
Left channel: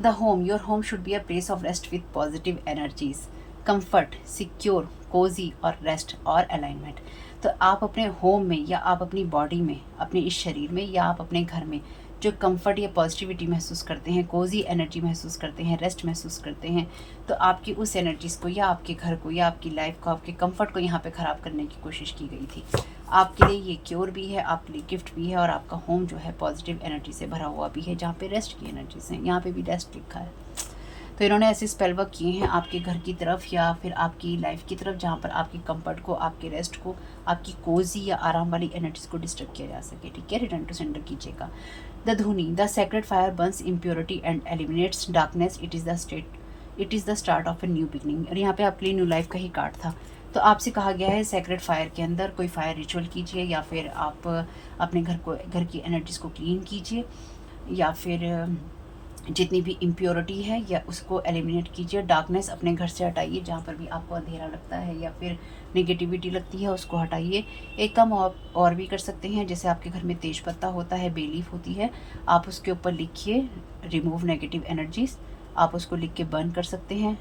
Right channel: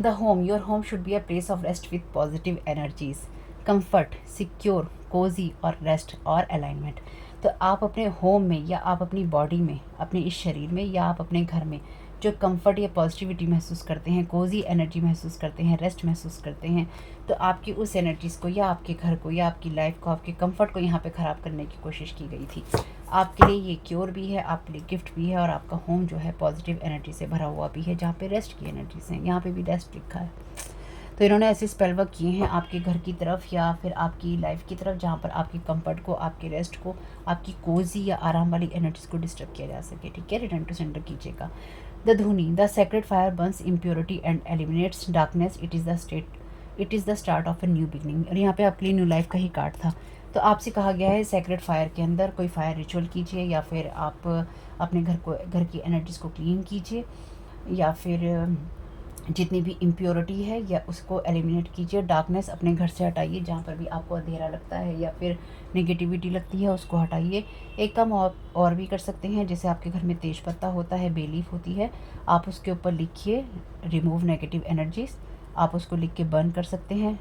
The home, your home should be a place of rest with positive energies, comfort, secure, cozy और रेस्ट और अलाइनमेंट। तो आप अपने होम में, या आप अपनी बॉडी में, अपने इस शरीर में, या आप अपने घर में जो कंफर्ट या पॉजिटिविटी महसूस करते हैं, कोजी एनर्जी महसूस करते हैं, रेस्ट महसूस करते हैं, तो आपकी उस एनर्जीज़ को, या आपके घर को, या आपकी लाइफ को, आपके कंफर्ट को यहाँ पे ख़राब करने की कोशिश की गई थी। आपके लिए ये क्योर भी है, आपके लिए गिफ्ट भी है, और आपका होम जो है पॉजिटिव एनर्जी से भरा हुआ भी है, जहाँ पे रेस्ट की एनर्जीज हैं। यहाँ पे भी रेस्ट लिखा है। तो इन्होंने ऐसे स्पेल वर्क किए हैं आपके घर की तरफ, या फिर आपकी लाइफ की तरफ, जहाँ पर आपकी कंफर्ट को, आपके रेस्ट को, आपकी कोजी या आराम वाली एनर्जीज को डिस्टर्ब किया जा सके। ठीक है, रिटर्न टू सेंटर कीजिएगा। द धुनी, the sacred fire Burns impurity and eliminates darkness, it is the start of a new beginning. और यहाँ पे आपके लिए न्यू लाइफ का ही कार्ड था। तो आपसे कहा गया है सेक्रेड फायर के अंदर कोई फायर रिचुअल कीजिए, या फिर आप अपने घर की एनर्जीज को क्लीन कीजिए, या फिर जितनी भी इम्प्योरिटी है या उसको एलिमिनेट कीजिए। डार्कनेस अपने घर से हटाइए, जहाँ पर भी आपको अंधेरा लगता है या फिर नेगेटिविटी लगती है उसको हटाइए। एक काम और भी कर सकते हैं, जैसे आपके घर में तेज पत्ता होता है, बे लीफ होती है, आप उसके ऊपर लिखिए रिमूव नेगेटिव एनर्जीज। आप उसको लिख के बर्न कर सकते हैं,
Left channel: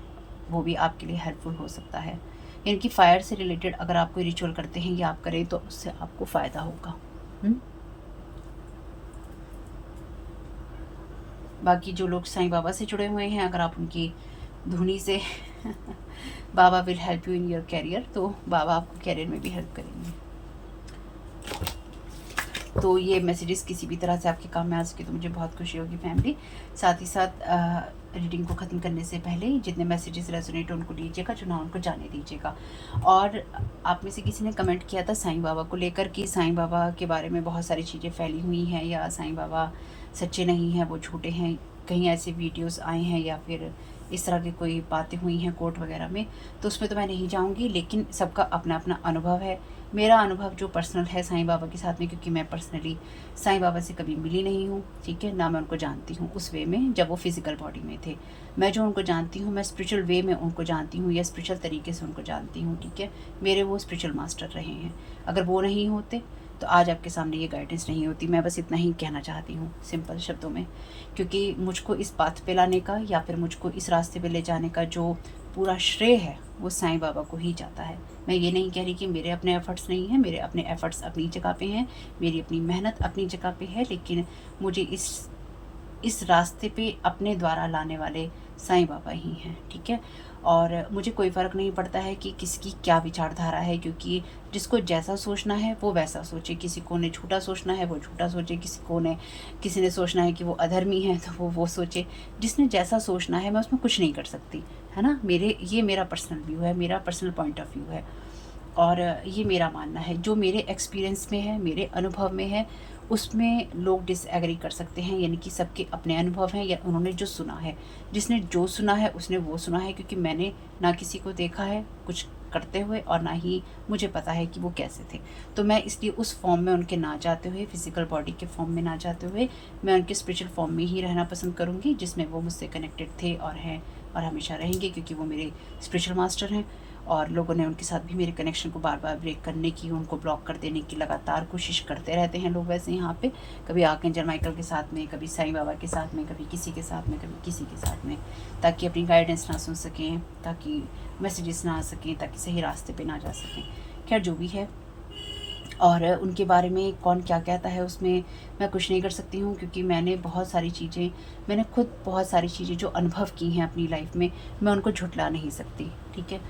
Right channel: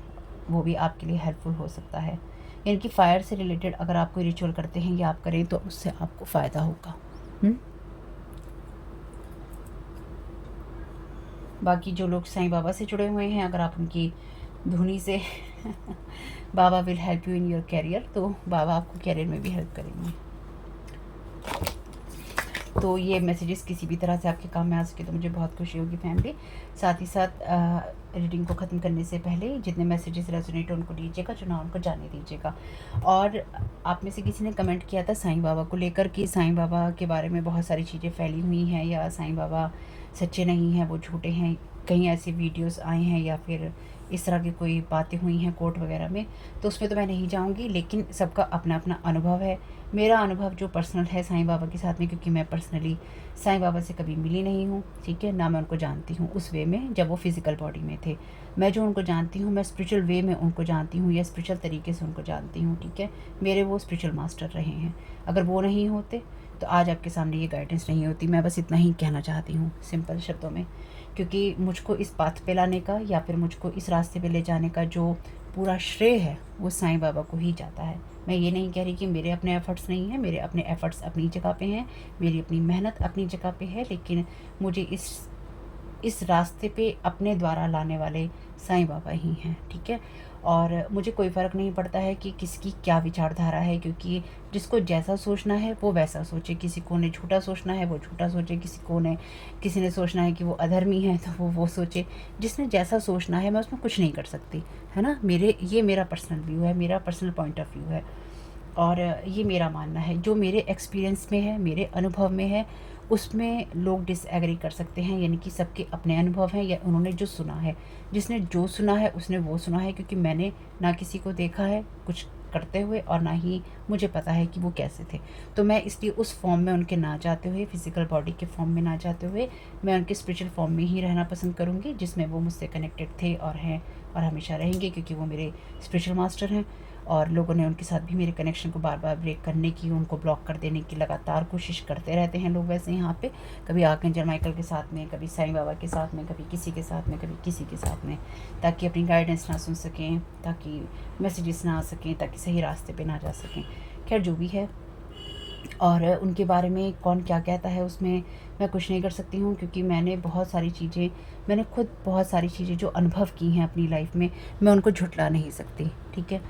वो भी आपके लिए हेल्पफुल हो सकता है। यानी कि फायर से रिलेटेड अगर आप कोई रिचुअल करते हैं या आप करें तो उससे आपको फ़ायदा होगा। बाकी जो लोग साईं बाबा से जुड़े हुए हैं, अगर आप उनकी धुनी से बाबा will help you in your career, तो बाबा आपको कैरियर में भी हेल्प करेंगे। तो ये मैसेजेस किसी भी तरह से आपके काम में आ सके तो मुझे बहुत खुशी होगी फैमिली। साथ ही साथ रीडिंग को ख़त्म करने से पहले जितने मैसेजेस रेजोनेट उनको लीजिएगा, जो ना उनको जाने दीजिएगा। और आप में से किसी ने कमेंट किया था साईं बाबा को लेकर कि साईं बाबा के बारे में बहुत सारी चीज़ें फैली हुई हैं, या साईं बाबा सच्चे नहीं हैं, वो झूठे हैं। कहीं ऐसे वीडियोस आए हैं या फिर इस तरह की कोई बातें हुई हैं कोर्ट वगैरह में, तो उसमें तो मैं नहीं जाऊंगी, लेकिन सबका अपना अपना अनुभव है। मेरा अनुभव जो पर्सनल है साईं बाबा के साथ में, क्योंकि मैं पर्सनली साईं बाबा से कभी मिली नहीं हूँ, ठीक है, ना मैं उनको जानती हूँ उस वे में जब वो फिज़िकल बॉडी में थे। मैं जो उनको जानती हूँ, मैं स्पिरिचुअल वे में उनको जानती हूँ, या स्पिरिचुअल तरीके से उनको जानती हूँ, ठीक है। मेरे वो स्पिरिचुअल मास्टर रहे हैं। अगर वो नहीं होते तो आज आपके सामने ये गाइडेंस नहीं होती। मैं बस इतना ही कहना चाहती हूँ सिंपल शब्दों में, क्योंकि मुझको इस पाथ पे लाने का या फिर मुझको इस रास्ते पे ले जाने का जो पूरा श्रेय है वो साईं बाबा को ही जाता है। मैं ये नहीं कह रही कि मेरे अपने एफ़र्ट्स नहीं हैं, मेरे अपने एफ़र्ट्स अपनी जगह पे हैं, मेरी अपनी मेहनत अपनी जगह पे है, लेकिन मुझे इस रास्ते पे अपने द्वारा लाने वाले साईं बाबा ही हैं, ठीक है। और मुझे कोई फ़र्क नहीं पड़ता है कि किसकी क्या विचारधारा है, क्योंकि जिसको जैसा सोचना है वो वैसा सोचे। किसी को ने झूठा सोचना है वो झूठा सोचे, किसी ने सोचना है कि वो अधर्मी है तो वो सोचे। जिसने जैसा सोचना है मैं उसमें कुछ नहीं कर सकती, है ना। ये मेरा पर्सनल व्यू है, मेरा पर्सनल पॉइंट ऑफ व्यू है, और ये मेरा मानना है। जो मेरे एक्सपीरियंस में है, मेरे अनुभव में है, उसमें लोग डिसएग्री कर सकते हैं, यानी कि सबके अपने अनुभव हैं या उन्होंने जो सुना है। जिसने जो सुना है उसने वो सुना है, क्योंकि मैंने ना किसी को देखा है कुछ करते हुए और ना ही मुझे पता है कि वो कैसे थे। तो मैं इसलिए उस फॉर्म में उनके ना जाते हुए, फिज़िकल बॉडी के फॉर्म में ना जाते हुए, मैं उनके स्पिरिचुअल फॉर्म में ही रहना पसंद करूँगी, जिसमें वो मुझसे कनेक्टेड थे और हैं और हमेशा रहेंगे, क्योंकि वो मेरे स्पिरिचुअल मास्टर हैं। और लोगों ने उनके साथ भी मेरे कनेक्शन को बार बार ब्रेक करने की, उनको ब्लॉक कर देने की लगातार कोशिश करते रहते हैं लोग वैसे यहाँ पे, कभी आर्कएंजल माइकल के साथ में, कभी साईं बाबा के साथ में, कभी किसी के साथ में, कभी किसी के साथ में, ताकि अपनी गाइडेंस ना सुन सकें, ताकि मैसेजेस ना आ सकें, ताकि सही रास्ते पे ना जा सकें। खैर जो भी है, और उनके बारे में कौन क्या कहता है उसमें मैं कुछ नहीं कर सकती हूँ, क्योंकि मैंने खुद बहुत सारी चीज़ें जो अनुभव की हैं अपनी लाइफ में, मैं उनको झुठला नहीं सकती, ठीक है।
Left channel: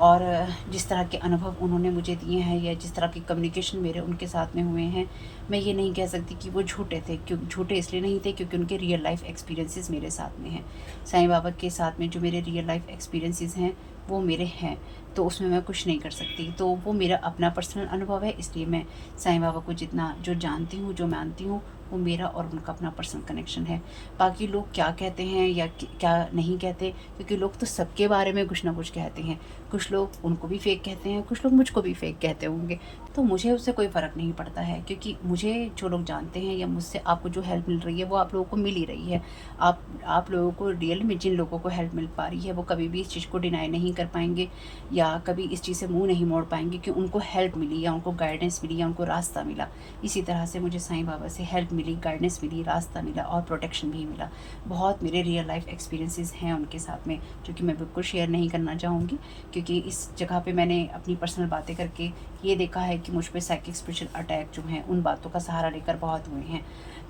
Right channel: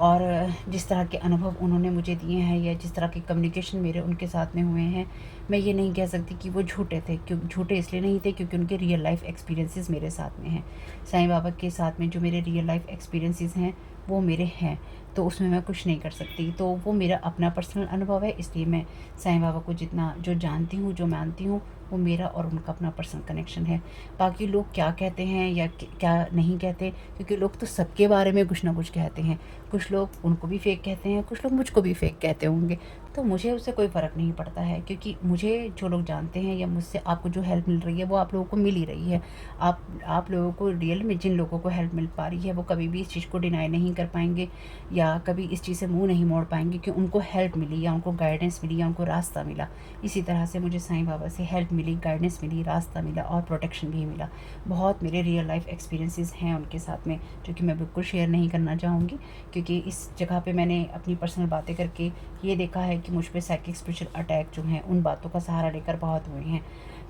और जिस तरह के अनुभव उन्होंने मुझे दिए हैं या जिस तरह के कम्युनिकेशन मेरे उनके साथ में हुए हैं, मैं ये नहीं कह सकती कि वो झूठे थे। क्यों झूठे इसलिए नहीं थे, क्योंकि उनके रियल लाइफ एक्सपीरियंसेस मेरे साथ में हैं। साईं बाबा के साथ में जो मेरे रियल लाइफ एक्सपीरियंसेस हैं वो मेरे हैं, तो उसमें मैं कुछ नहीं कर सकती। तो वो मेरा अपना पर्सनल अनुभव है, इसलिए मैं साईं बाबा को जितना जो जानती हूँ, जो मानती हूँ, वो मेरा और उनका अपना पर्सनल कनेक्शन है। बाकी लोग क्या कहते हैं या क्या नहीं कहते, क्योंकि लोग तो सबके बारे में कुछ ना कुछ कहते हैं। कुछ लोग उनको भी फेक कहते हैं, कुछ लोग मुझको भी फेक कहते होंगे, तो मुझे उससे कोई फ़र्क नहीं पड़ता है, क्योंकि मुझे जो लोग जानते हैं या मुझसे आपको जो हेल्प मिल रही है वो आप लोगों को मिल ही रही है। आप लोगों को रियल में जिन लोगों को हेल्प मिल पा रही है वो कभी भी इस चीज़ को डिनाई नहीं कर पाएंगे या कभी इस चीज़ से मुंह नहीं मोड़ पाएंगे कि उनको हेल्प मिली या उनको गाइडेंस मिली या उनको रास्ता मिला। इसी तरह से मुझे साईं बाबा से हेल्प मिली, गाइडेंस मिली, रास्ता मिला और प्रोटेक्शन भी मिला। बहुत मेरे रियल लाइफ एक्सपीरियंसेस हैं उनके साथ में, जो कि मैं बिल्कुल शेयर नहीं करना चाहूँगी, क्योंकि इस जगह पे मैंने अपनी पर्सनल बातें करके ये देखा है कि मुझ पे साइकिक स्पिरिचुअल अटैक जो हैं उन बातों का सहारा लेकर बहुत हुए हैं।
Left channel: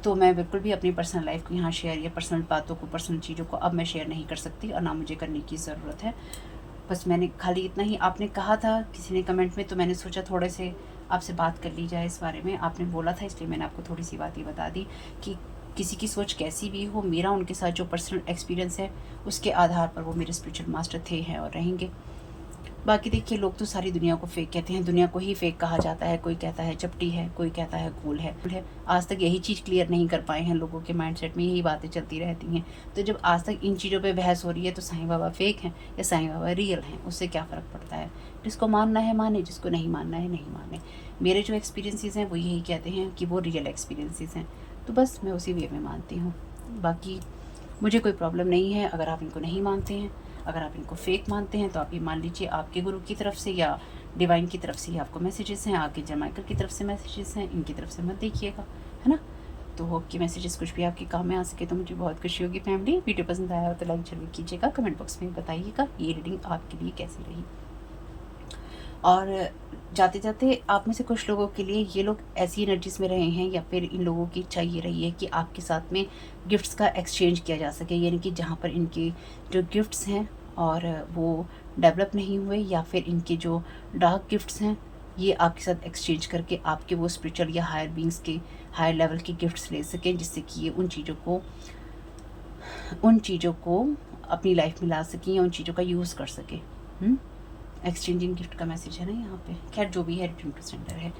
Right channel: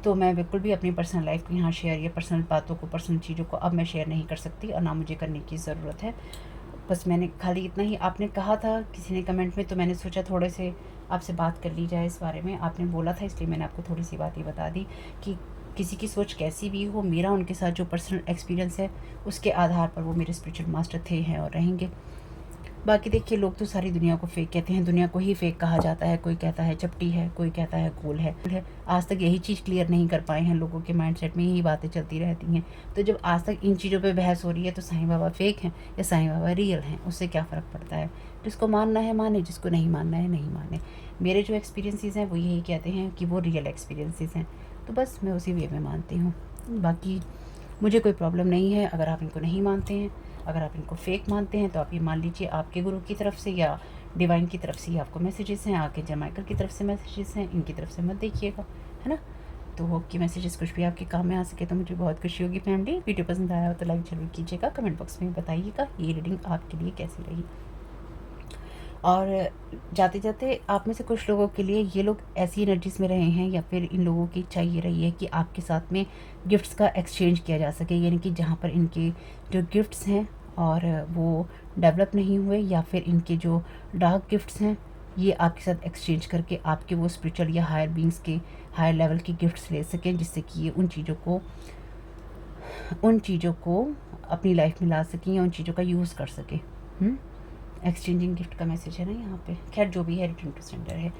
तो मैं बिल्कुल भी अपनी पर्सनल लाइफ को यहाँ शेयर या पर्सनल बातों को, पर्सनल चीज़ों को अब मैं शेयर नहीं कर सकती और ना मुझे करने की ज़रूरत है। बस मैंने खाली इतना ही, आपने कहा था किसी ने कमेंट में, तो मैंने सोचा थोड़े से आपसे बात कर ली जाए इस बारे में। आपने बोला था इसलिए मैंने आपको थोड़ी सी बात ये बता दी कि किसी की सोच कैसी भी हो, मेरा उनके साथ जो पर्सनल एक्सपीरियंस है उसके आधार पर वो मेरे स्पिरिचुअल मास्टर थे, हैं और रहेंगे। बाकी देखिए, लोग तो सारी दुनिया को फेक कहते हैं, दुनिया को ही फेक कहा जाता है। कोई कहता है चपटी है, कोई कहता है कूल है। आज तक यही चीज़ क्लियर नहीं कर पाए हैं, लोगों के माइंडसेट में यही बातें चलती रहती हैं। तो जब आज तक इन चीज़ों पे बहस हो रही है, तो साईं बाबा फेक हैं या साईं बाबा रियल हैं, उससे क्या फ़र्क पड़ता है। जिसको मानना है माने, जिसको नहीं मानना है नहीं माने। मेरे जो एक्सपीरियंसेस हैं वो यही कहते हैं कि वो रियल एक्सपीरियंसेस हैं, तो बस मैं उसी वे में मानती हूँ। बाकी मुझे कोई प्रॉब्लम नहीं है अगर आप इनको नहीं मानते हैं। अगर आप इनको फेक मानते हैं तो आप ये मान लीजिए आपके गुरु की तरफ से या डिवाइन की तरफ से ही आपको मैसेजेस हैं, आर्कएंजल माइकल की तरफ से मैसेजेस हैं, इनकी तरफ से मत देखिएगा, है ना। तो आपके मैसेजेस कुछ भी आपके काम में आ सके तो मुझे बहुत खुशी होगी। फैमिली, वीडियो पसंद आया हो तो लाइक जरूर कीजिएगा, कमेंट बॉक्स में बताइएगा ये रीडिंग आपके लिए कैसी रही। और जाते जाते आप में से कुछ लोगों के लिए ये लोग ऐसी एनर्जीज में रहे हैं या फिर इन लोगों की इच्छा ये रही है कि आपके साथ में गिफ्ट्स का एक्सचेंज किया जा सके, यानी कि जहाँ पर इनके जो गिफ्ट्स हैं और वो डेवलप नहीं हुए, या फिर इनके जो डार्क गिफ्ट्स हैं ये आपके साथ एक्सचेंज करके आपके वो स्पिरिचुअल या हायर बींग्स के हायर लेवल के गिफ्ट्स ले सकें, जिससे कि ये उन चीज़ों को अपनी लाइफ में ला सकें या उन चीज़ों का यूज़ कर सकें। एक्सचेंजिंग गिफ्ट का मैसेज है ना यहाँ पे। खैर जो भी है, रिटर्न टू सेंडर है।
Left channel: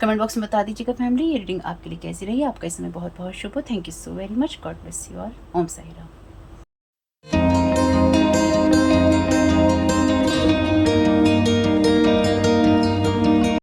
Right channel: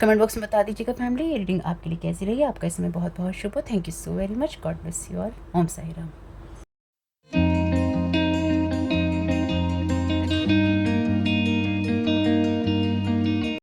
कमेंट बॉक्स में बता दीजिएगा फैमिली, ये रीडिंग आपके लिए कैसी रही। आपका इस समय बहुत बहुत शुभ हो। Thank you so very much. God bless you all. ओम साई राम।